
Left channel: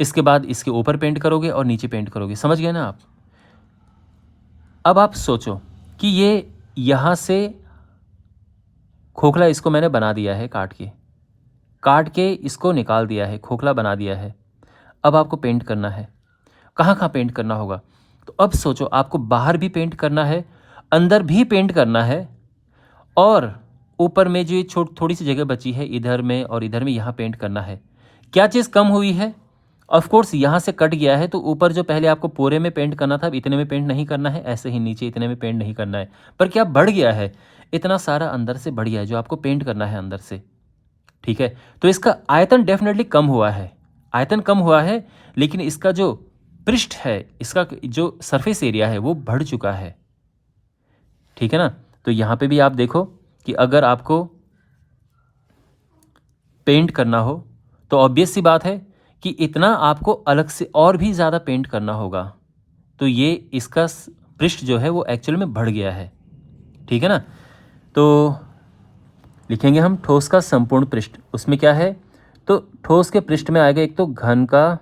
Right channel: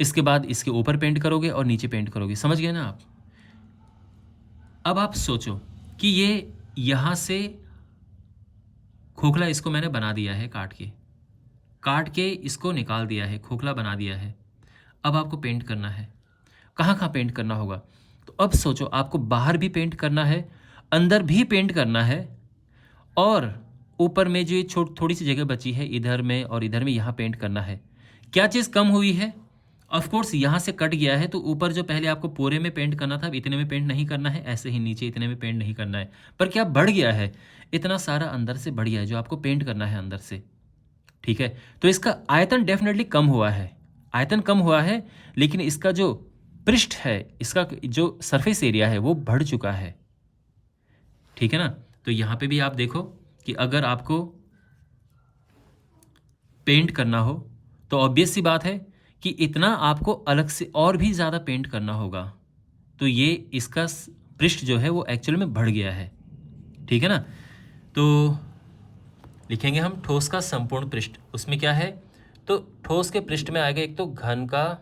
इसके बाद इसके ऊपर पेंट करोगे और नीचे पेंट करोगे। समझ गए ना आप। अब आप सोचो कि ये यहाँ से खोखला इसको मैंने बना दिया है, काट के इसको निकाल दिया है, खोखला बना दिया है। अब आपको पेंट करना है, कहाँ कहाँ पेंट करना होगा। तो अब सोचो, आपको बाहर भी पेंट करना है, अंदर भी पेंट करना है, और ऊपर में जो ये थोड़ी सी जगह बची है इधर में और इधर में, यहाँ पेंट करना है। क्या चीज़ कम हुई है, ऑफ कोर्स यहाँ से कट गया है, तो ऊपर जो पहले आपको पूरे में पेंट करना था अब इतने में पेंट नहीं करना है, ऐसे ही नीचे इतने में पेंट नहीं करना है। पर क्या बढ़ गया है, इतना सारा अंदर से बढ़ गया है जो आपको पेंट करना है अंदर से। ठीक है, तो इसका आयतन डेफिनेटली कम हुआ है, आयतन कम हुआ है, लेकिन इसका जो पृष्ठ है इसका जो सरफेस एरिया है वो बढ़ चुका है, ठीक है ना। तो यहाँ पे भी आप देखो कि अगर आपको पेंट करना हो तो ऑब्वियस सी बात है कि इतना आपको अलग से और भी ज़्यादा पेंट करना होगा। तो ये इसका पृष्ठ जो है वो एक्चुअल में बढ़ गया है, ठीक है ना। तो लिखेंगे हम ठोस का संपूर्ण पृष्ठ, उसमें क्या है, तो ठोस के पृष्ठ में आएगा एक तो घन का,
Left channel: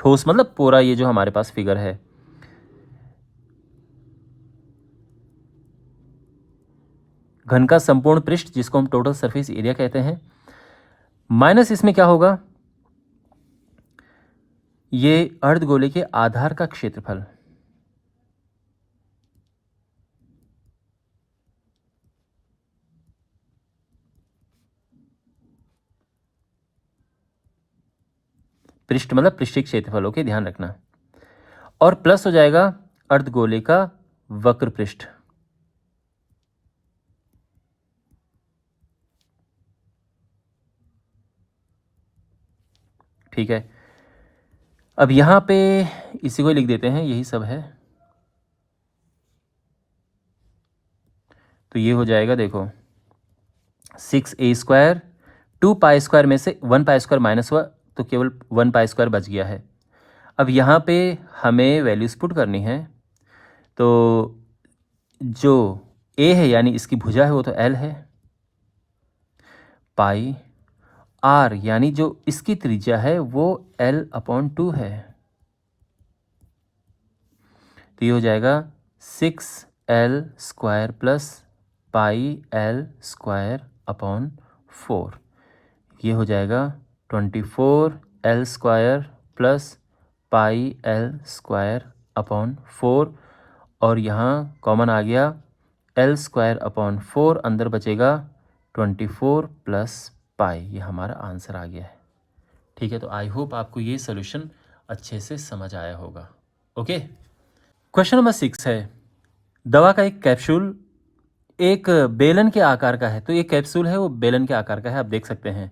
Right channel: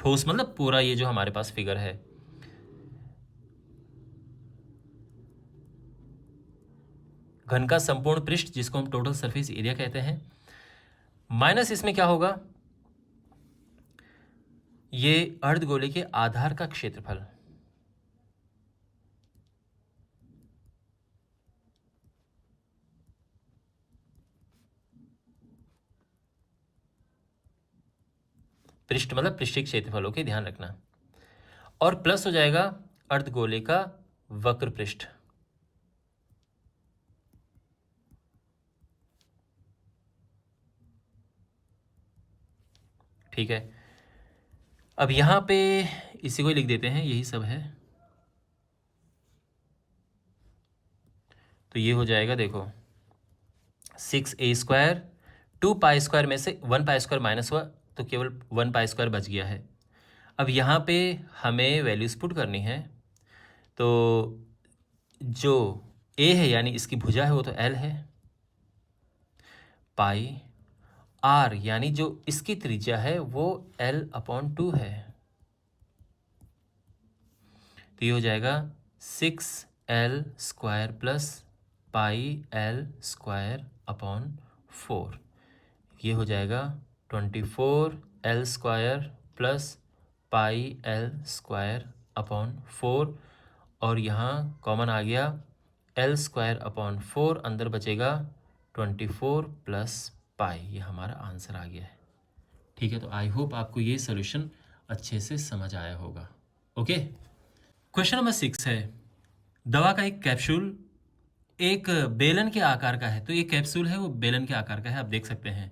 ठोस मतलब पूरा ये जो हमारे पास फिगर है, घन का संपूर्ण पृष्ठ जिसको हम टोटल सरफेस एरिया कहते हैं, माइनस इसमें क्या होगा, ये अर्धगोले के आधार का क्षेत्रफल, पृष्ठ मतलब पृष्ठीय क्षेत्रफल, ओके ध्यान रखना, और प्लस हो जाएगा अर्धगोले का वक्र पृष्ठ, ठीक है। अब यहाँ पे इसी को लिख देते हैं, यही सब है। तो ये हो जाएगा देखो 6a², 2π² में से 1π² माइनस हुआ तो केवल 1π² बच गया है। अब यहाँ पे हमें वैल्यूज पुट करनी है, तो जो a है यानी इसकी भुजा है वो तो l है, पाई r यानी जो इसकी त्रिज्या है वो l/2 है। तो ये हो जाएगा 6l² प्लस πl²/4, ये हो जाएगा 24l² प्लस πl²/4, और यहाँ कॉमन आ गया l²/4, अंदर बचेगा 24 प्लस पाई, ये हमारा आंसर आ गया है, ठीक है। तो आई होप आपको ये सोल्यूशन अच्छे से समझ आया होगा, ओके। क्वेश्चन नंबर 6 है, दवा का एक कैप्सूल एक बेलन के आकार का है, तो ये कैप्सूल है वो बेलन के आकार का है, आप देख सकते हैं,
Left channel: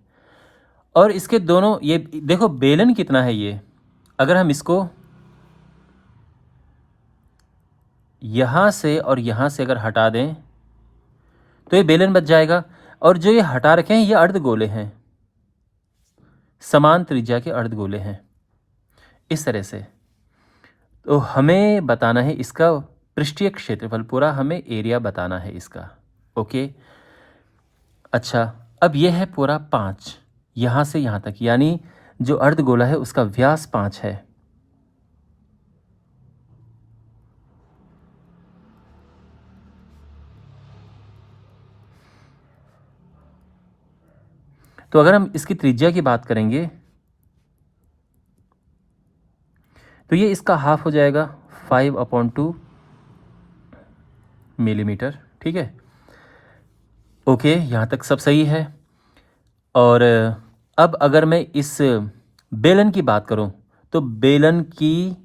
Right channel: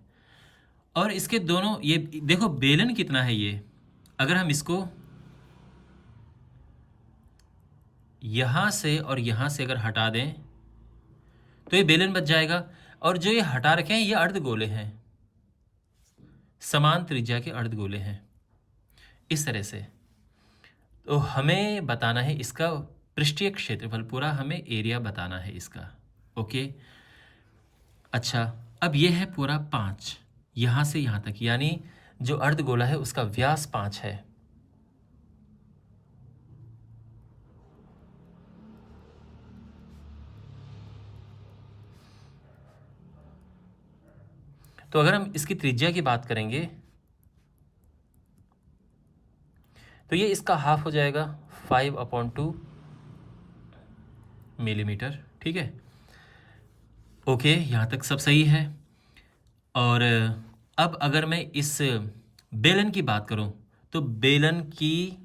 और इसके दोनों, ये देखो बेलन कितना है, ये अगर हम इसको यहाँ से और यहाँ से अगर हटा दें तो ये बेलन बच जाएगा, और जो ये हटा रखे हैं ये अर्धगोले हैं, समान त्रिज्या के अर्धगोले हैं, इस तरह से। तो हमें बताना है इसका पृष्ठीय क्षेत्रफल, पूरा हमें एरिया बताना है इसका, ओके। अच्छा, अब ये है पूरा 5 यहाँ से यहाँ तक, यानी जो अर्धगोला है उसका व्यास 5 है। तो अगर हम इसकी त्रिज्या की बात करेंगे तो ये इसका हाफ हो जाएगा 5/2 मिलीमीटर, ठीक है, ओके, यहाँ तक सब सही है। और अब अगर मैं इस बेलन की बात करूँ तो बेलन की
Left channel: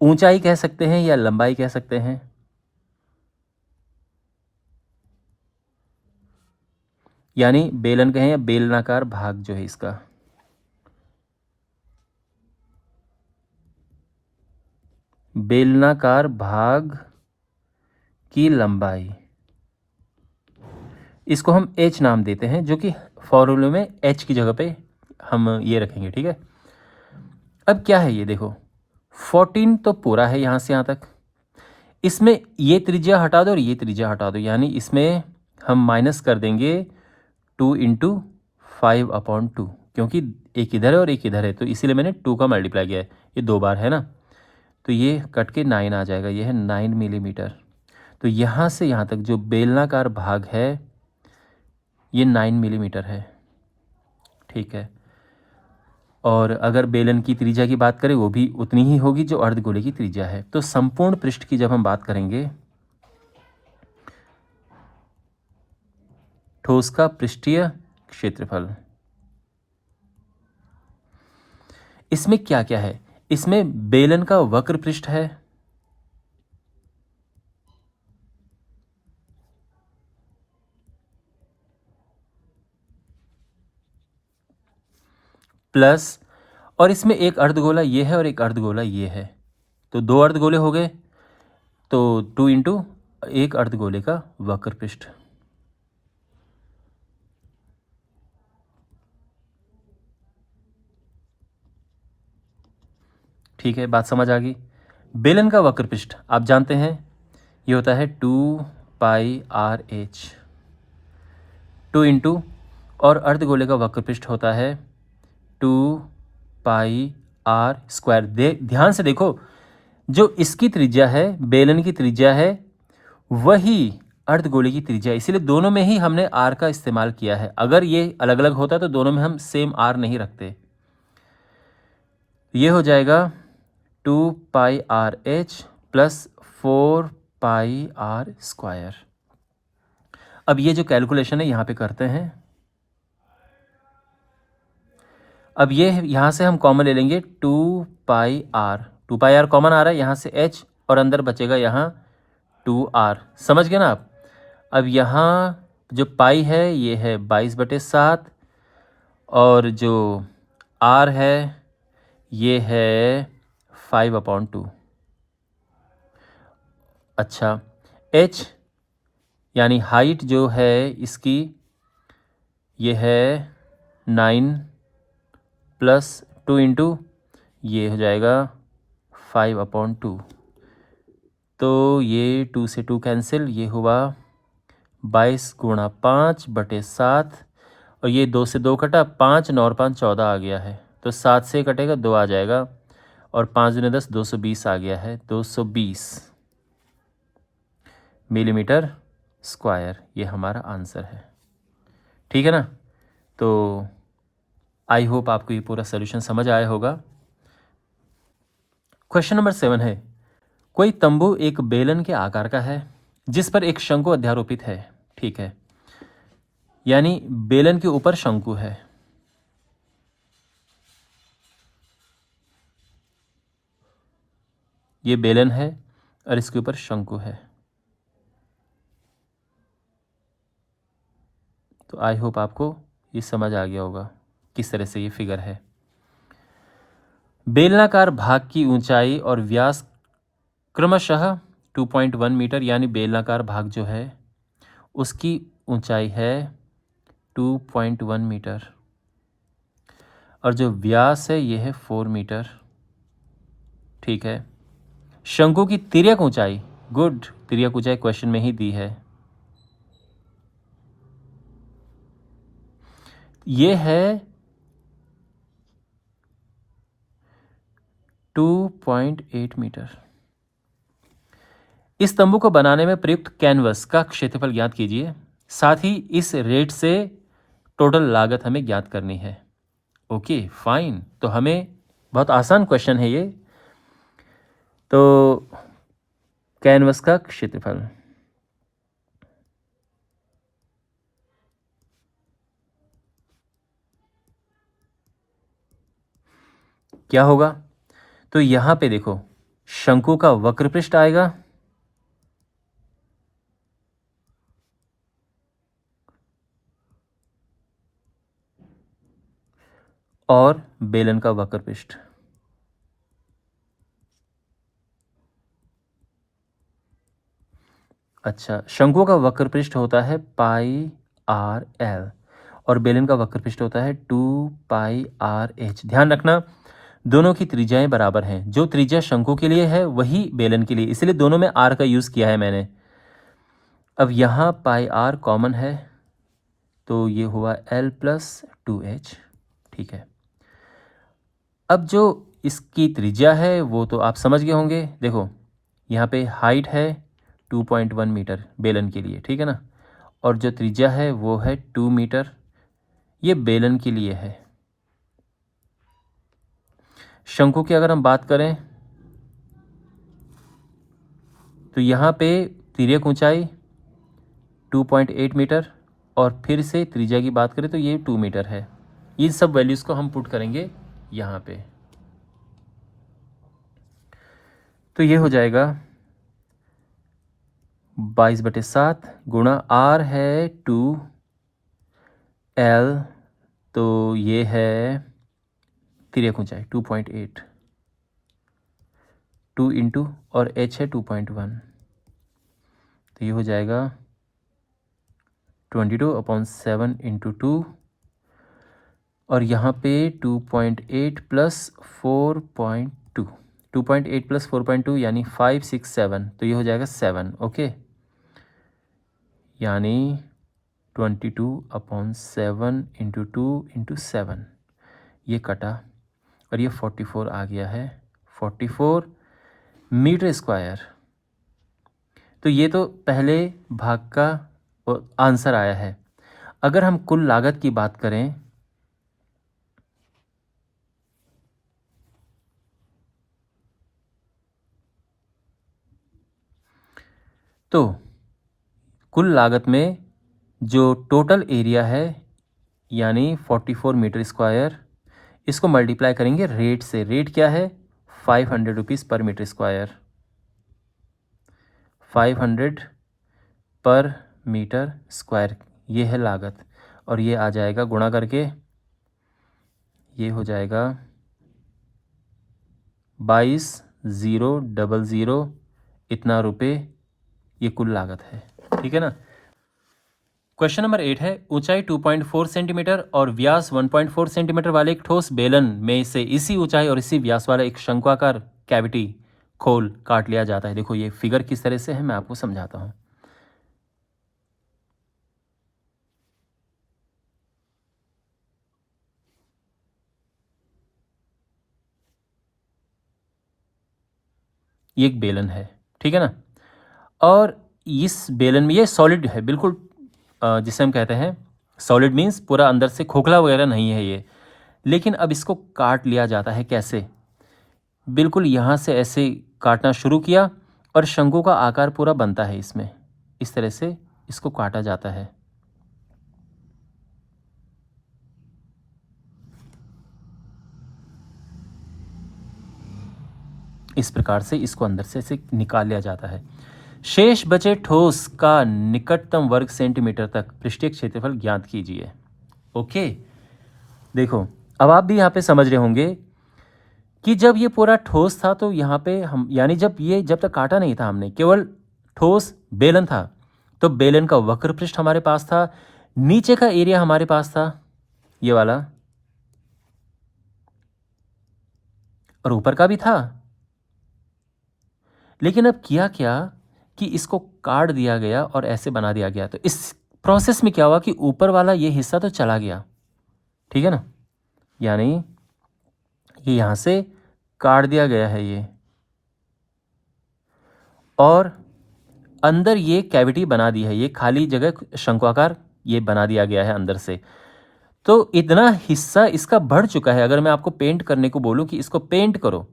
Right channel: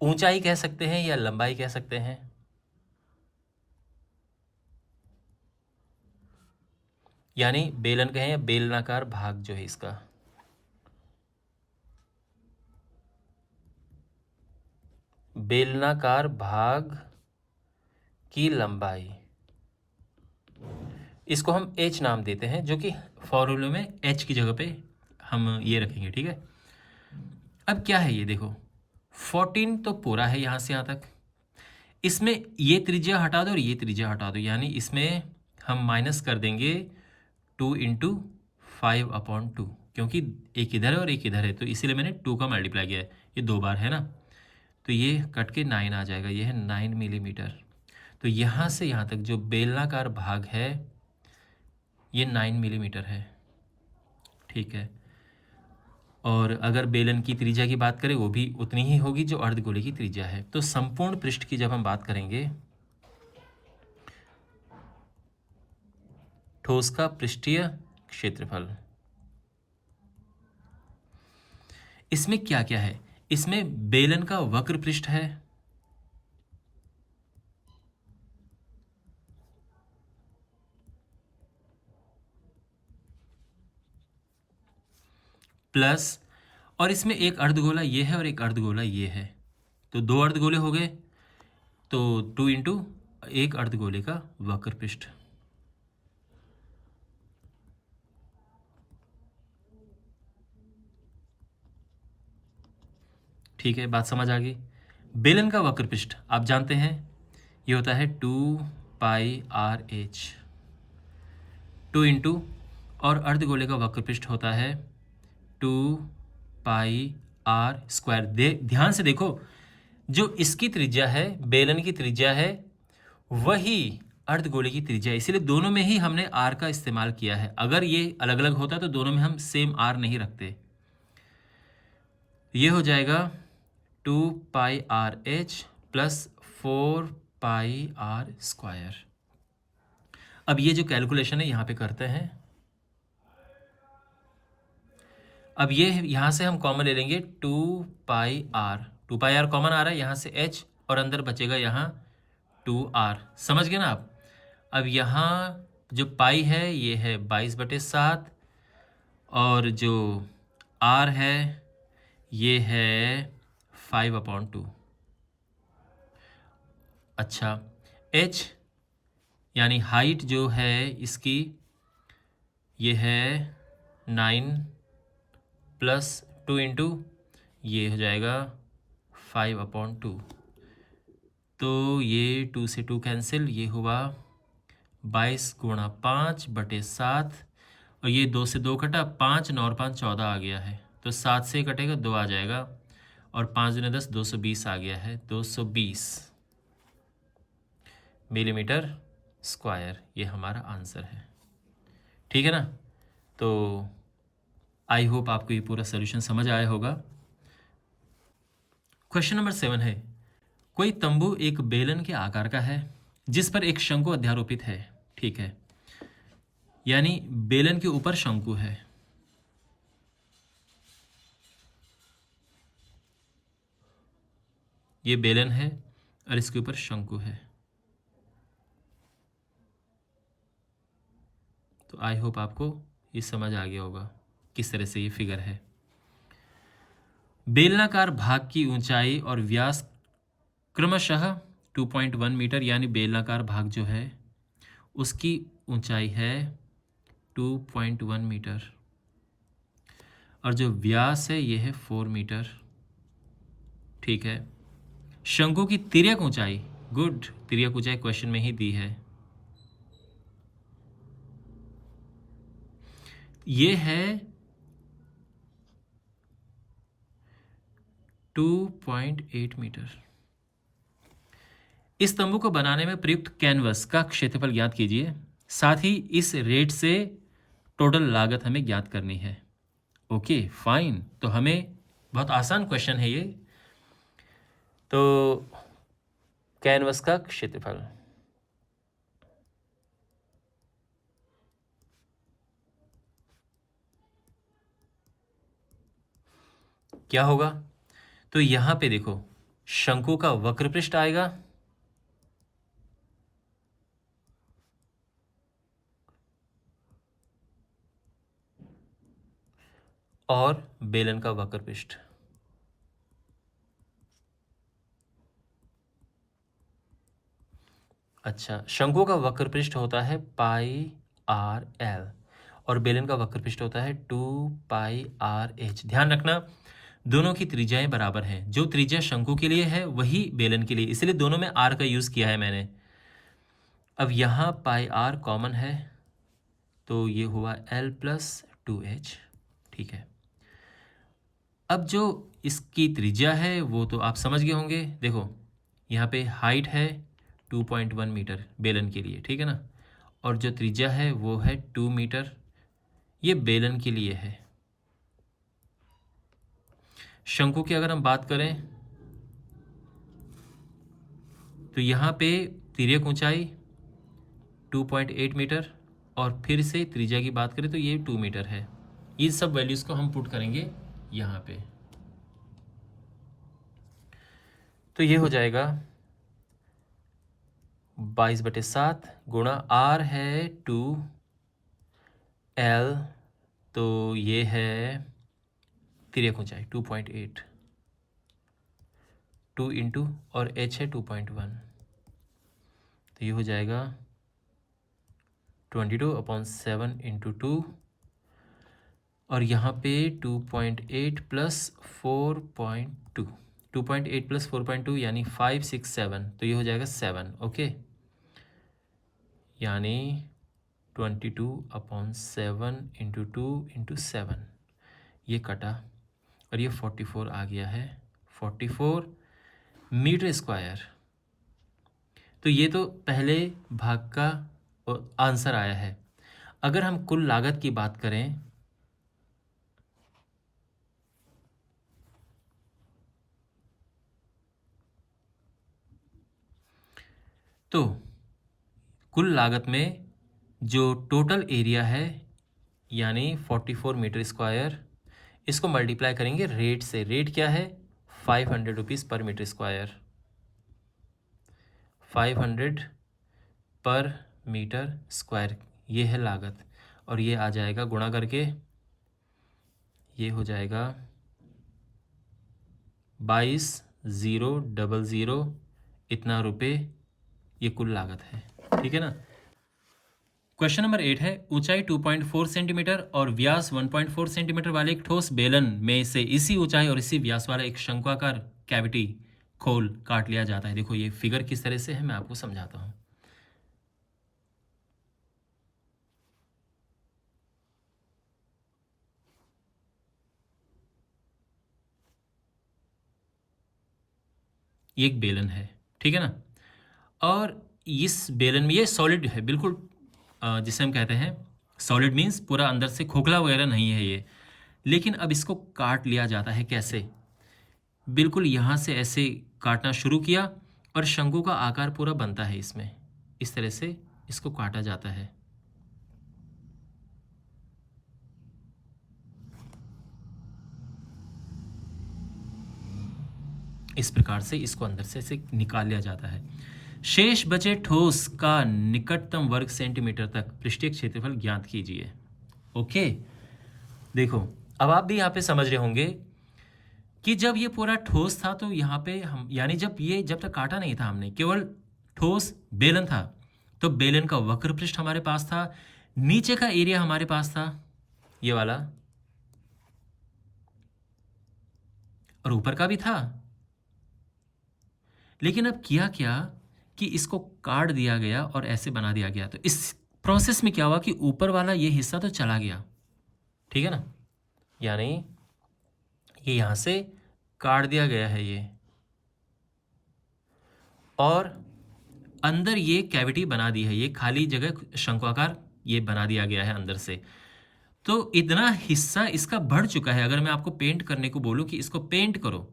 ऊंचाई कह सकते हैं या लंबाई कह सकते हैं, यानी बेलन कहें या बेलनाकार भाग जो है इसका, बेलनाकार भाग की लंबाई, इसको हम h नाम देते हैं, जो कि फॉर्मूले में h की जगह पे हम ये रखेंगे, ठीक है। अब क्या है ये देखो 14 तो पूरा है यहाँ से यहाँ तक, इसमें ये त्रिज्या हटा दो और ये त्रिज्या हटा दो, यानी इसमें हम माइनस कर देंगे 2 इंटू 5/2, क्योंकि एक इधर है और एक इधर है, तो इसीलिए मैंने 2 का मल्टीप्लाई किया है, ये 2 बार है ना, तो ये कट के 9 आ जाएगा, ये है 9 मिलीमीटर। तो यहाँ से यहाँ तक जो बेलनाकार भाग है ये 9 मिलीमीटर है, ठीक है। और अगर बेलन की त्रिज्या की बात करें वो भी उतनी ही होगी जो अर्धगोले की त्रिज्या है। तो संपूर्ण पृष्ठ की जब हम बात करेंगे, ठोस का पृष्ठीय क्षेत्रफल, इसमें क्या क्या है, इसमें बेलन का वक्र पृष्ठ है, प्लस, और इसमें एक अर्धगोला ये है और एक अर्धगोला ये है, तो 2 अर्धगोले हो गए, तो 2 इंटू एक अर्धगोले का वक्र पृष्ठ। ठीक है, बात समझ आ गई। बेलन का वक्र पृष्ठ आप जानते हैं ये होता है 2πr/h, 2 इंटू, और अर्धगोले का वक्र पृष्ठ होता है 2πr²। ध्यान से देखो, जो इसकी त्रिज्या है, बेलन की त्रिज्या है, वही अर्धगोले की त्रिज्या है, इसीलिए दोनों में ही हमने r का इस्तेमाल किया है। अगर ये अलग अलग होता तो दोनों में हम सेम r नहीं रखते। ये हो जाएगा 2πr/h प्लस 4πr²। अब ये जो कैलकुलेशन है यहाँ पे करते हैं। अब ये यहाँ से हम कॉमन ले लेंगे 2πr कॉमन आ रहा है, यहाँ से h और अंदर बचेगा यहाँ 2r। समझ गए ना आप? अब यहाँ जो पाई है ये है 22/7 और जो r है ये है 5/2। अच्छा, h यानी हाइट जो है इसकी ये है 9 प्लस 2 इंटू ये हो जाएगा 5/2। तो ये 2 से 2 कैंसिल, ये हुआ 22 गुणा 5/7 और ये 2 से 2 कटा, 5 9 और 5 14 आ गया है, तो 7 से कटेगा 2 आ जाएगा और 5 दूनी 10 220 आ गया है, 220 मिलीमीटर स्क्वायर। ये हमारा आंसर है। ठीक है ना? तो आई होप आपको ये पूरा सोल्यूशन समझ आया होगा। क्वेश्चन नंबर 7 है, कोई तंबू एक बेलन के आकार का है जिस पर एक शंकु अध्यारोपित है। ठीक है, यानी बेलन के ऊपर शंकु है। ये बेलन है और इसके ऊपर शंकु है। तो आई होप आपको ये समझ आ गया होगा किस तरह से ये फिगर है। बेलनाकार भाग की ऊंचाई और व्यास क्रमशः 2.1 मीटर, यानी बेलनाकार भाग जो है उसकी ऊंचाई है 2.1 मीटर और जो व्यास है ये है 4 मीटर। ठीक है, शंकु की तिर्यक ऊंचाई, गुड, तिर्यक ऊंचाई क्वेश्चन में ही दी है, ये है 2.8 मीटर। इस तंबू को बनाने में प्रयुक्त कैनवस का क्षेत्रफल ज्ञात कीजिए, साथ ही इस रेट से टोटल लागत हमें ज्ञात करनी है। ओके फाइन, तो हमें बहुत आसान क्वेश्चन है ये। तो कैनवस का क्षेत्रफल क्या होगा? तो यहां पे देखो, शंकु का वक्र पृष्ठ आएगा और बेलन का वक्र पृष्ठ। अच्छा, शंकु का वक्र पृष्ठ होता है πr/l और बेलन का वक्र पृष्ठ होता है 2πr/h। ध्यान रखना, दोनों की त्रिज्याएं बराबर हैं। जो त्रिज्या शंकु के लिए है वही बेलन के लिए, इसलिए दोनों में r का यूज़ किया है मैंने। अब यहाँ πr कॉमन है तो ये हुआ l + 2h। ठीक है, अब जो इसकी त्रिज्या है वो तो आप समझ गए होंगे। देखो यहाँ पे हाइट है 2.1 मीटर बेलन के लिए, ठीक है ना, और जो त्रिज्या है वो है 2 मीटर, ये बेलन के लिए है। शंकु की अगर हम बात करें तो यहाँ पे तिर्यक ऊंचाई 2.8 मीटर और फिर से त्रिज्या की बात करें तो ये 2 मीटर है। इन सब वैल्यूज़ को हम पुट करेंगे यहाँ पे, तो ये हो जाएगा 22/7 गुणा r है 2l, तो ये है तिर्यक ऊंचाई 2.8, 2 इंटू और h है 2.1, तो ये हो जाएगा 22/7 इंटू 2, और यहाँ पे 2.8 प्लस 4.2, 2.8 प्लस 4.2 यानी 5, 6, 7, तो ये हो जाएगा 7। ओके, यानी 22/7 इंटू 2 इंटू 7, ये कटा और ये 44 आ गया है, 44 मीटर स्क्वायर। तो ये तो पहले भाग का आंसर आया है। अगर हम कुल लागत की बात करें तो कुल लागत में जो टोटल एरिया है यानी 44 मीटर स्क्वायर, इसको मल्टीप्लाई करेंगे रेट से। रेट क्या है? 500 रुपीज़ पर मीटर स्क्वायर, 500 पर मीटर स्क्वायर, ये है लागत। और ये आ जाएगा गुणा करके, ये हो जाएगा 22,000 इतना रुपए, ये कुल लागत है। ठीक है ना। क्वेश्चन नंबर 8 है, ऊंचाई 2.4 सेंटीमीटर और व्यास 1.4 सेंटीमीटर वाले एक ठोस बेलन में से इसी ऊंचाई और इसी व्यास वाला एक शंक्वाकार कैविटी खोल काट लिया जाता है। देखो ये फिगर किस तरह से है, मैं आपको समझाता हूं। ये एक बेलन है, ठीक है ना, और इस बेलन में ये सॉलिड है बिल्कुल, जिसे हम कहते हैं सॉलिड मीन्स पूरा अंदर से खोखला वगैरह नहीं है ये। लेकिन अब इसको काट लिया जाता है। कैसे? बिल्कुल यहाँ से ऐसे काटना शुरू किया और शंकु का आकार पूरा बनता है इसमें, इस तरह से इसको काटा जाता है। इस प्रकार से इसको अंदर से ऐसे निकाल लिया जाता है। शेष बचे ठोस का निकटतम वर्ग सेंटीमीटर तक पृष्ठीय क्षेत्रफल ज्ञात कीजिए। ओके, देखो अब आप भी यहाँ पे समझ रहे होंगे कि जब ये पूरा ठोस था तो यहाँ पे हम यानी जब तक काटा नहीं था हमने, केवल ठोस बेलन था, तो बेलन का वक्र पृष्ठ हमारे पास था, नीचे का एरिया हमारे पास था ये वाला, और ऊपर का भी था। लेकिन अब किया क्या कि इसको काट दिया गया और ऐसे बना दिया गया। तो इस प्रोसेस में क्या हुआ कि ऊपर वाला ये हिस्सा तो चला गया, ठीक है ना, यानी ये यहाँ से काट दिया गया है ये, और अंदर ये कैविटी बना दी है, ये खाली जगह शंक्वाकार ये बना दिया गया है अंदर से। तो इतना हिस्सा इसका बढ़ चुका है। अगर मैं आपको पेंट करने को बोलूँ कि इसको पेंट करो,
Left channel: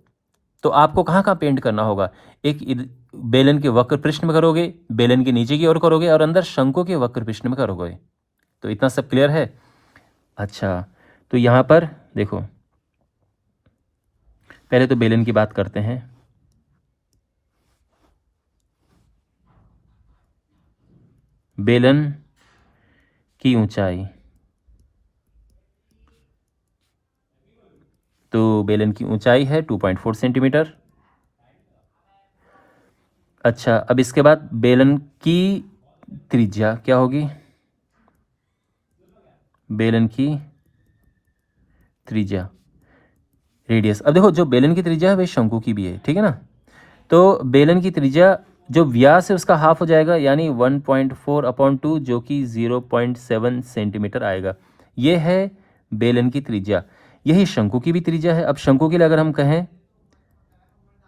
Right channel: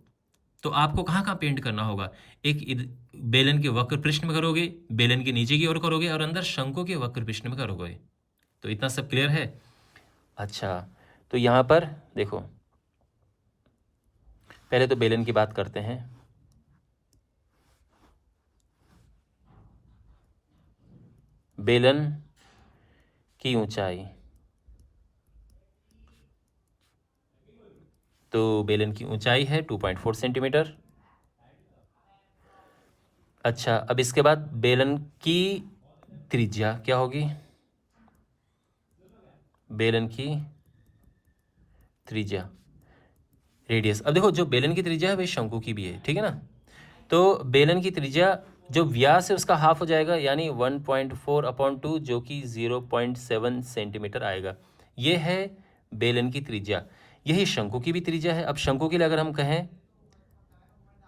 तो आपको कहाँ कहाँ पेंट करना होगा? एक बेलन के वक्र पृष्ठ में करोगे, बेलन के नीचे की ओर करोगे, और अंदर शंकु के वक्र पृष्ठ में करोगे। तो इतना सब क्लियर है? अच्छा, तो यहाँ पर देखो, पहले तो बेलन की बात करते हैं। बेलन की ऊंचाई, तो बेलन की ऊंचाई है 2.4 सेंटीमीटर। अच्छा, अब इसके बाद बेलन की त्रिज्या क्या होगी? बेलन की त्रिज्या, रेडियस। अब देखो जो बेलन की त्रिज्या है वही शंकु की भी है, ठीक है ना। तो बेलन की त्रिज्या जो व्यास है उसका हाफ हो जाएगा, यानी 1.4/2 जो कि 0.7 सेंटीमीटर आएगा। ये है बेलन की त्रिज्या। यही शंकु की भी त्रिज्या है। अब शंकु के लिए अगर हम कहें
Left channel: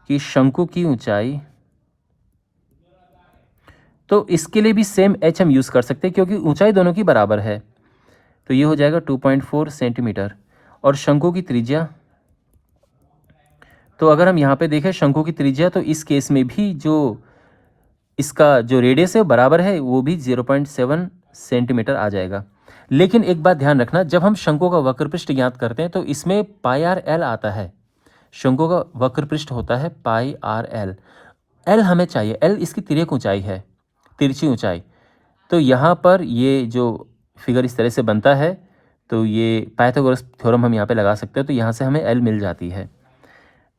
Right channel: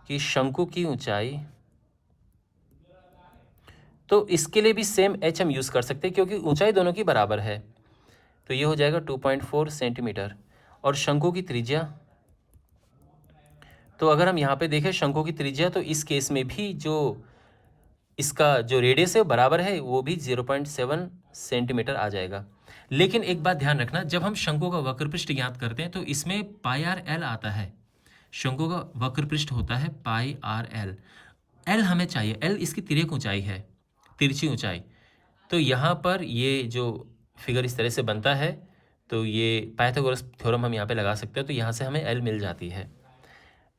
कि शंकु की ऊंचाई, तो इसके लिए भी सेम एच हम यूज़ कर सकते हैं क्योंकि ऊंचाई दोनों की बराबर है। तो ये हो जाएगा 2.4 सेंटीमीटर। और शंकु की त्रिज्या, तो अगर हम यहाँ पे देखें शंकु की त्रिज्या, तो इस केस में भी जो इसका जो रेडियस है बराबर है, वो भी 0.7 सेंटीमीटर आ जाएगा। लेकिन एक बात ध्यान रखना, जब हम शंकु का वक्र पृष्ठ ज्ञात करते हैं तो इसमें पाई आर एल आता है। शंकु का वक्र पृष्ठ होता है पाई आर एल। एल हमें चाहिए, एल इसकी तिर्यक ऊंचाई है, तिरछी ऊंचाई। तो यहाँ पर ये जो फिगर इस तरह से बनता है, तो ये पाइथागोरस थ्योरम हम यहाँ पे लगा सकते हैं, तो यहाँ से हमें एल मिल जाती है।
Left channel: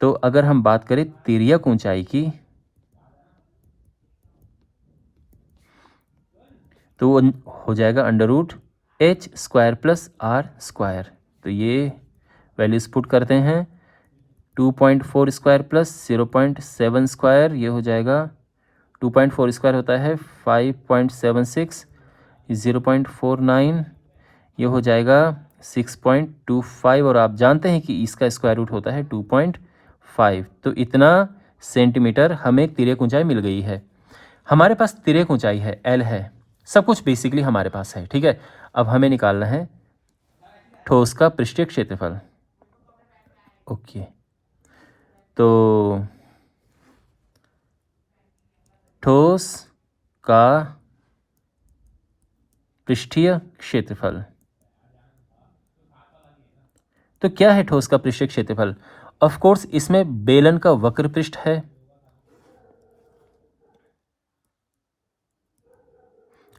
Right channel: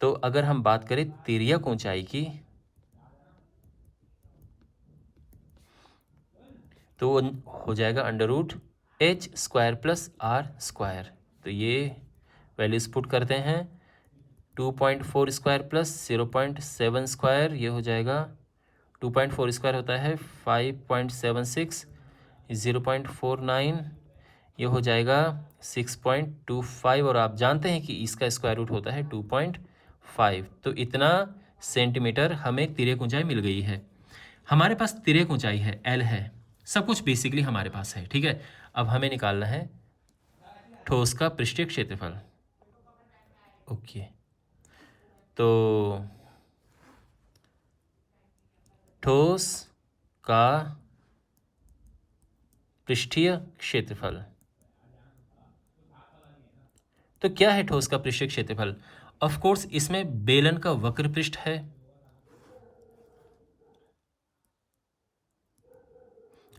तो अगर हम बात करें तिर्यक ऊंचाई की, तो वो हो जाएगा √h² + r²। तो ये वैल्यूज पुट करते हैं, 2.4² + 0.7², ये हो जाएगा 2.4² होता है 5.76, 0.49, ये हो जाएगा 6.25, और आप जानते हैं कि इसका स्क्वायर रूट होता है 2.5। तो इतना सेंटीमीटर हमें तिर्यक ऊंचाई मिल गई है। हमारे पास तिर्यक ऊंचाई है, एल है, सब कुछ बेसिकली हमारे पास है, ठीक है। अब हमें निकालना है ठोस का पृष्ठीय क्षेत्रफल। ओके, तो ठोस का पृष्ठीय क्षेत्रफल, तो क्या है ठोस का पृष्ठीय क्षेत्रफल? ऑफ कोर्स इसमें बेलन का वक्र पृष्ठ है,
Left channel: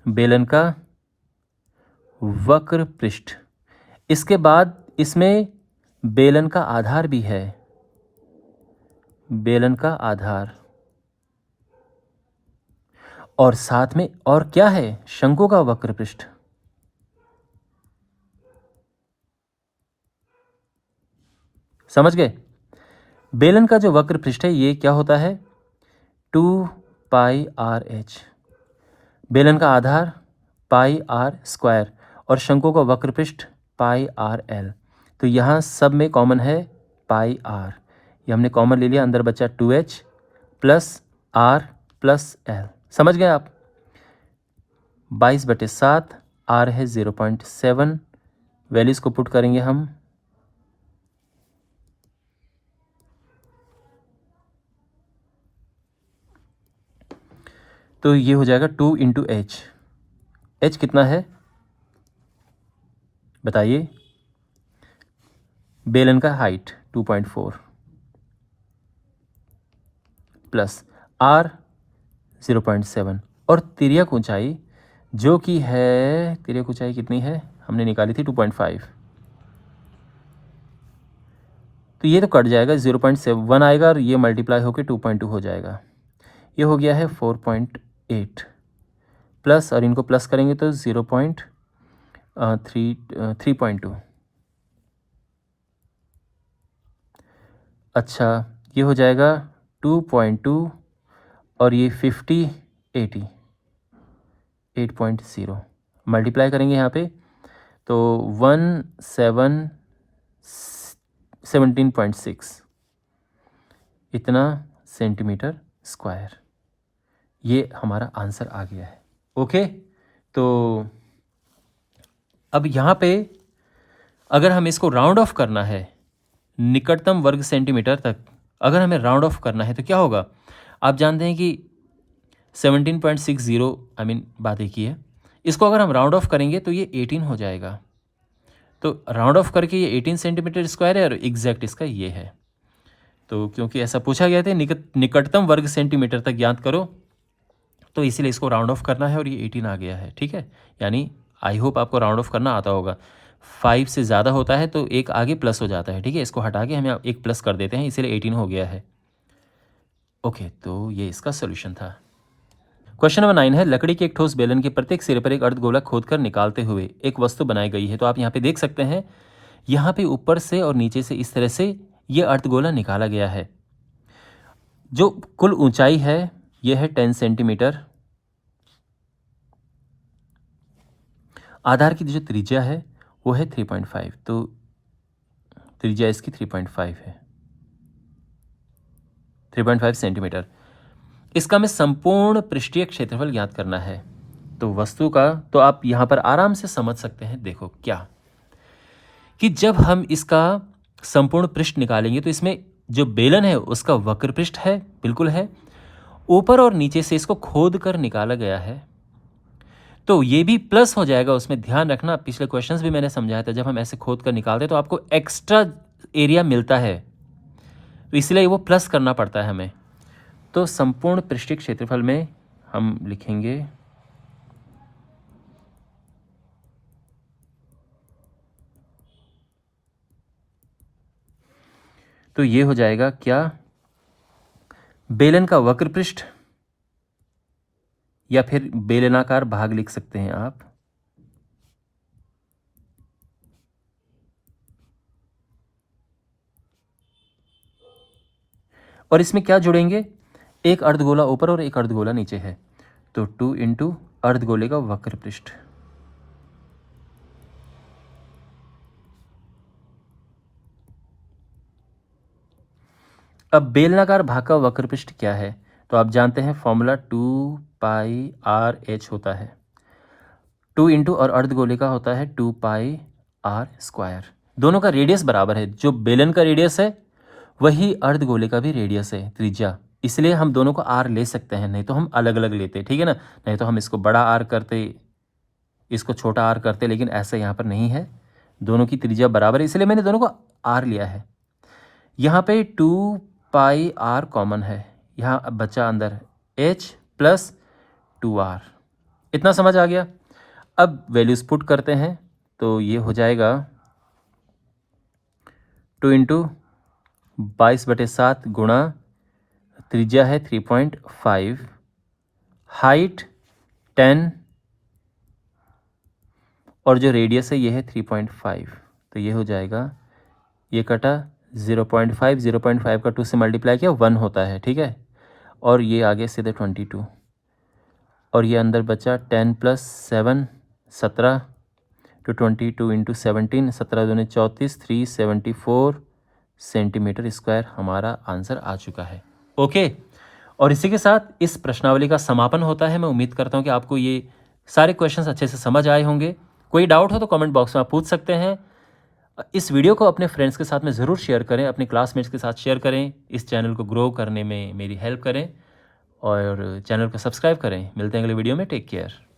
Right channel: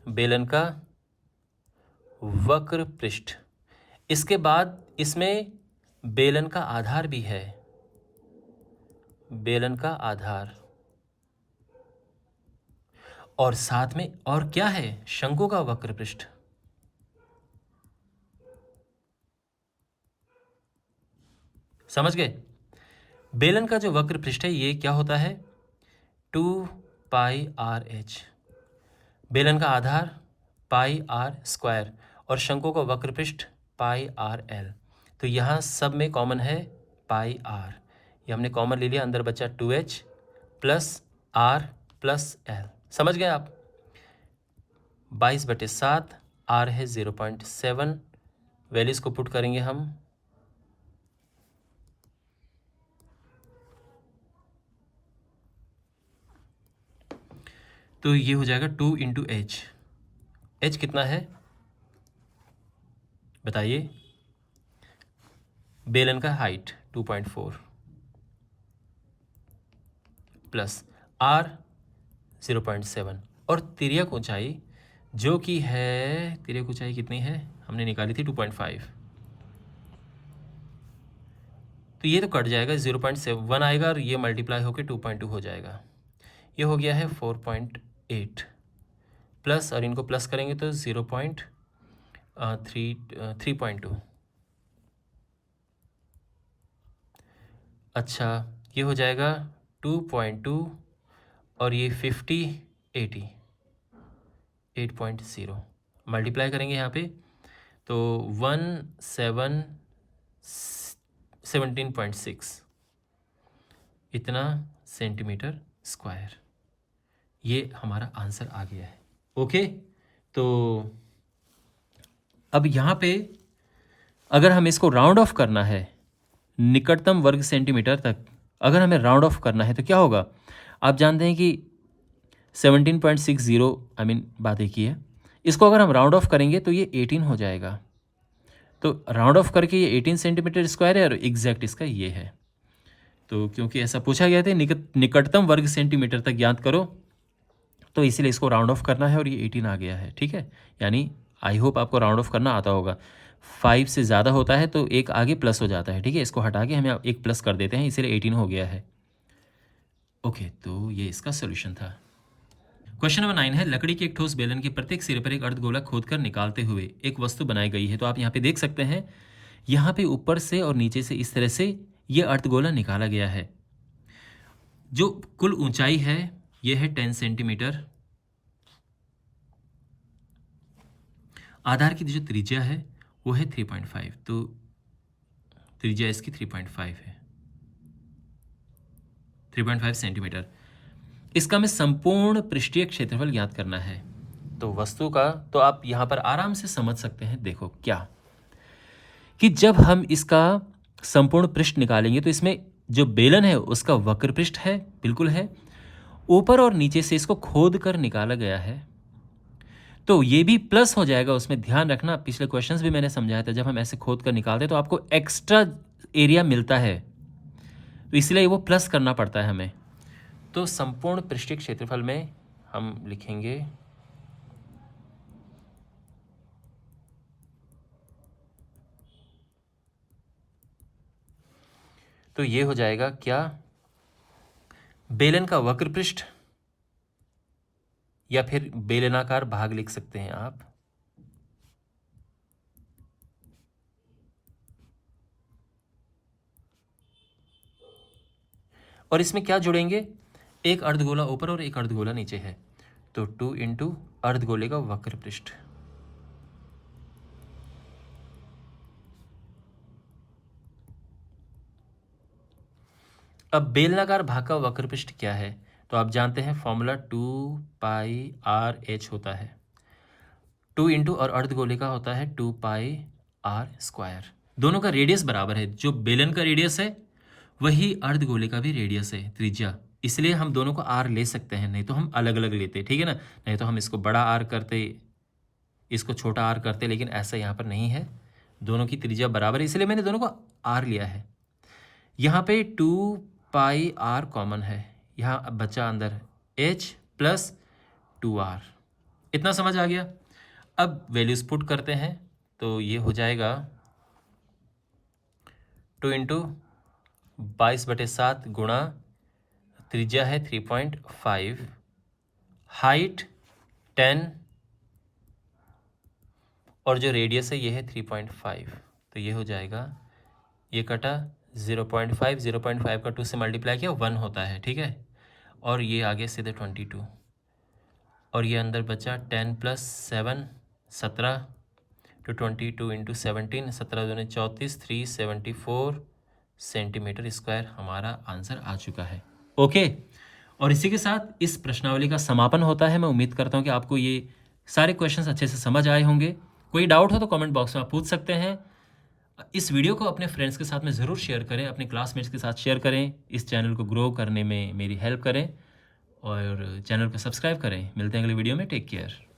बेलन का वक्र पृष्ठ, इसके बाद इसमें बेलन का आधार भी है, बेलन का आधार, और साथ में और क्या है? शंकु का वक्र पृष्ठ। समझ गए? बेलन का जो वक्र पृष्ठ है ये क्या होता है? 2πr/h। बेलन का आधार πr², और शंकु का वक्र पृष्ठ πrl। तो यहाँ सब में कॉमन है πr, ये हमने कॉमन ले लिया, अंदर बचा 2h + r + l। समझ गए आप? 22/7, r है 0.7, वैल्यूज को पुट करेंगे हम, तो ये हो जाएगा 2 × h। h कितना है बताइए? बेलन का हाइट 2.4 प्लस r 0.7, और तिर्यक ऊंचाई जो कि है, तिर्यक ऊंचाई कितनी है हमने निकाली थी 2.5, तो ये तो कट जाएगा, 0.7 आएगा और ये मल्टीप्लाई होकर 2.2 हो जाएगा, ये हो गया है 4.8 प्लस, और इनको प्लस करेंगे तो 3.2। अच्छा, ये हो जाएगा 2.2, और ये 8.0 मल्टीप्लाई करेंगे यहाँ पे तो 17.6 इतना सेंटीमीटर स्क्वायर, ये हमारा आंसर आ गया है। ओके, तो अब यहाँ पे अगर हमें इसको राउंड ऑफ करना है निकटतम वर्ग सेंटीमीटर तक, अगर हमें राउंड ऑफ करना है तो क्या होगा? आप जानते हैं कि 17.60 बात एक ही है, इसको अगर हम राउंड ऑफ करेंगे तो ये 18 हो जाएगा। तो राउंड ऑफ करके ये 18 सेंटीमीटर स्क्वायर है, और एग्जैक्ट इसका ये है। तो क्योंकि ऐसा पूछा गया था निकटतम वर्ग सेंटीमीटर तक ज्ञात करो, तो इसीलिए इसको राउंड ऑफ करना है, और ये 18 आ गया है, ठीक है। यानी आई होप आपको राउंड ऑफ करना आता होगा। 5 से ज़्यादा होता है तो एक आगे प्लस हो जाता है, ठीक है, इसको हटा के हम एक प्लस कर देते हैं, इसीलिए 18 हो गया है। ओके, तो ये इसका सोल्यूशन था। क्वेश्चन नंबर 9 है, लकड़ी के एक ठोस बेलन के प्रत्येक सिरे पर एक अर्धगोला खोदकर निकालते हुए एक वस्तु बनाई गई है। तो आप यहाँ पे देख सकते हैं, यहाँ पे ऊपर से और नीचे से इस तरह से ये अर्धगोला निकाला गया है। जो कुल ऊंचाई है ये है 10 सेंटीमीटर, आधार की जो त्रिज्या है वो है 3.5, तो त्रिज्या इसकी 3.5 है, 3.5 सेंटीमीटर। इसका हमें संपूर्ण पृष्ठीय क्षेत्रफल ज्ञात करना है। तो वस्तु का तो आप यहाँ पर आराम से समझ सकते हैं, देखो क्या कि जब हम इसका संपूर्ण पृष्ठ निकालेंगे तो इसमें जो बेलन है उसका वक्र पृष्ठ है, बिल्कुल है, ऊपर और नीचे से इसको खोद कर निकाला गया है, तो ये भी प्लस हो जाएगा। उसमें ध्यान रखना, पिछले क्वेश्चंस भी मैंने समझाया था, जब हम ऐसे खोद कर निकालते हैं तो आपको एक्स्ट्रा एरिया मिलता है, तो इसलिए वो प्लस करना पड़ता है हमें। तो संपूर्ण पृष्ठीय क्षेत्रफल में हम लिखेंगे तो ये हो जाएगा क्या, बेलन का वक्र पृष्ठ या फिर बेलनाकार भाग लिख सकते हैं आप। और इसमें क्या जुड़ेंगे, एक अर्धगोला ऊपर और एक अर्धगोला नीचे है, तो 2 इंटू अर्धगोले का वक्र पृष्ठ। अब बेलनाकार भाग का वक्र पृष्ठ क्या है, तो आप जानते हैं फॉर्मूला 2πr/h होता है। 2 इंटू और अर्धगोले का होता है 2πr²। दोनों का रेडियस बराबर है, जो बेलन का रेडियस है वही अर्धगोले का भी रेडियस है, त्रिज्या। इसलिए हम दोनों को r ले सकते हैं, नहीं तो हम अलग अलग लेते, ठीक है ना। नहीं तो हम इसको बड़ा r करते, इसको छोटा r करते, लेकिन ऐसा यहाँ पर नहीं है, दोनों की त्रिज्या बराबर है, इसलिए मैंने दोनों को r लिया है। यहाँ पे 2πr कॉमन है, यहाँ अब बचा अंदर h प्लस 2r। इतना समझ आ गया। अब वैल्यूज पुट करते हैं, तो ये हो जाएगा 2 इंटू 22/7 गुणा त्रिज्या है 3.5, हाइट 10 और जो रेडियस है ये है 3.5, तो ये हो जाएगा, ये कटा 0.5, 0.5 का 2 से मल्टीप्लाई किया 1 होता है, ठीक है। और ये आगे सीधे 22, और ये अंदर बचा 10 प्लस 7 17, तो 22 इंटू 17, 17 दूनी 34, 374 सेंटीमीटर स्क्वायर हमारा आंसर आ चुका है। ओके, और इसी के साथ इस प्रश्नावली का समापन होता है। मैं उम्मीद करता हूँ कि आपको ये सारे क्वेश्चंस अच्छे से समझ आए होंगे। कोई डाउट हो तो कमेंट बॉक्स में आप पूछ सकते हैं। इस वीडियो को अपने फ्रेंड्स के साथ में ज़रूर शेयर करें, अपने क्लासमेट्स के साथ शेयर करें, इस चैनल को ग्रो करने में मेरी हेल्प करें और चैनल को सब्सक्राइब करें। मिलते हैं अगले वीडियो में, टेक केयर।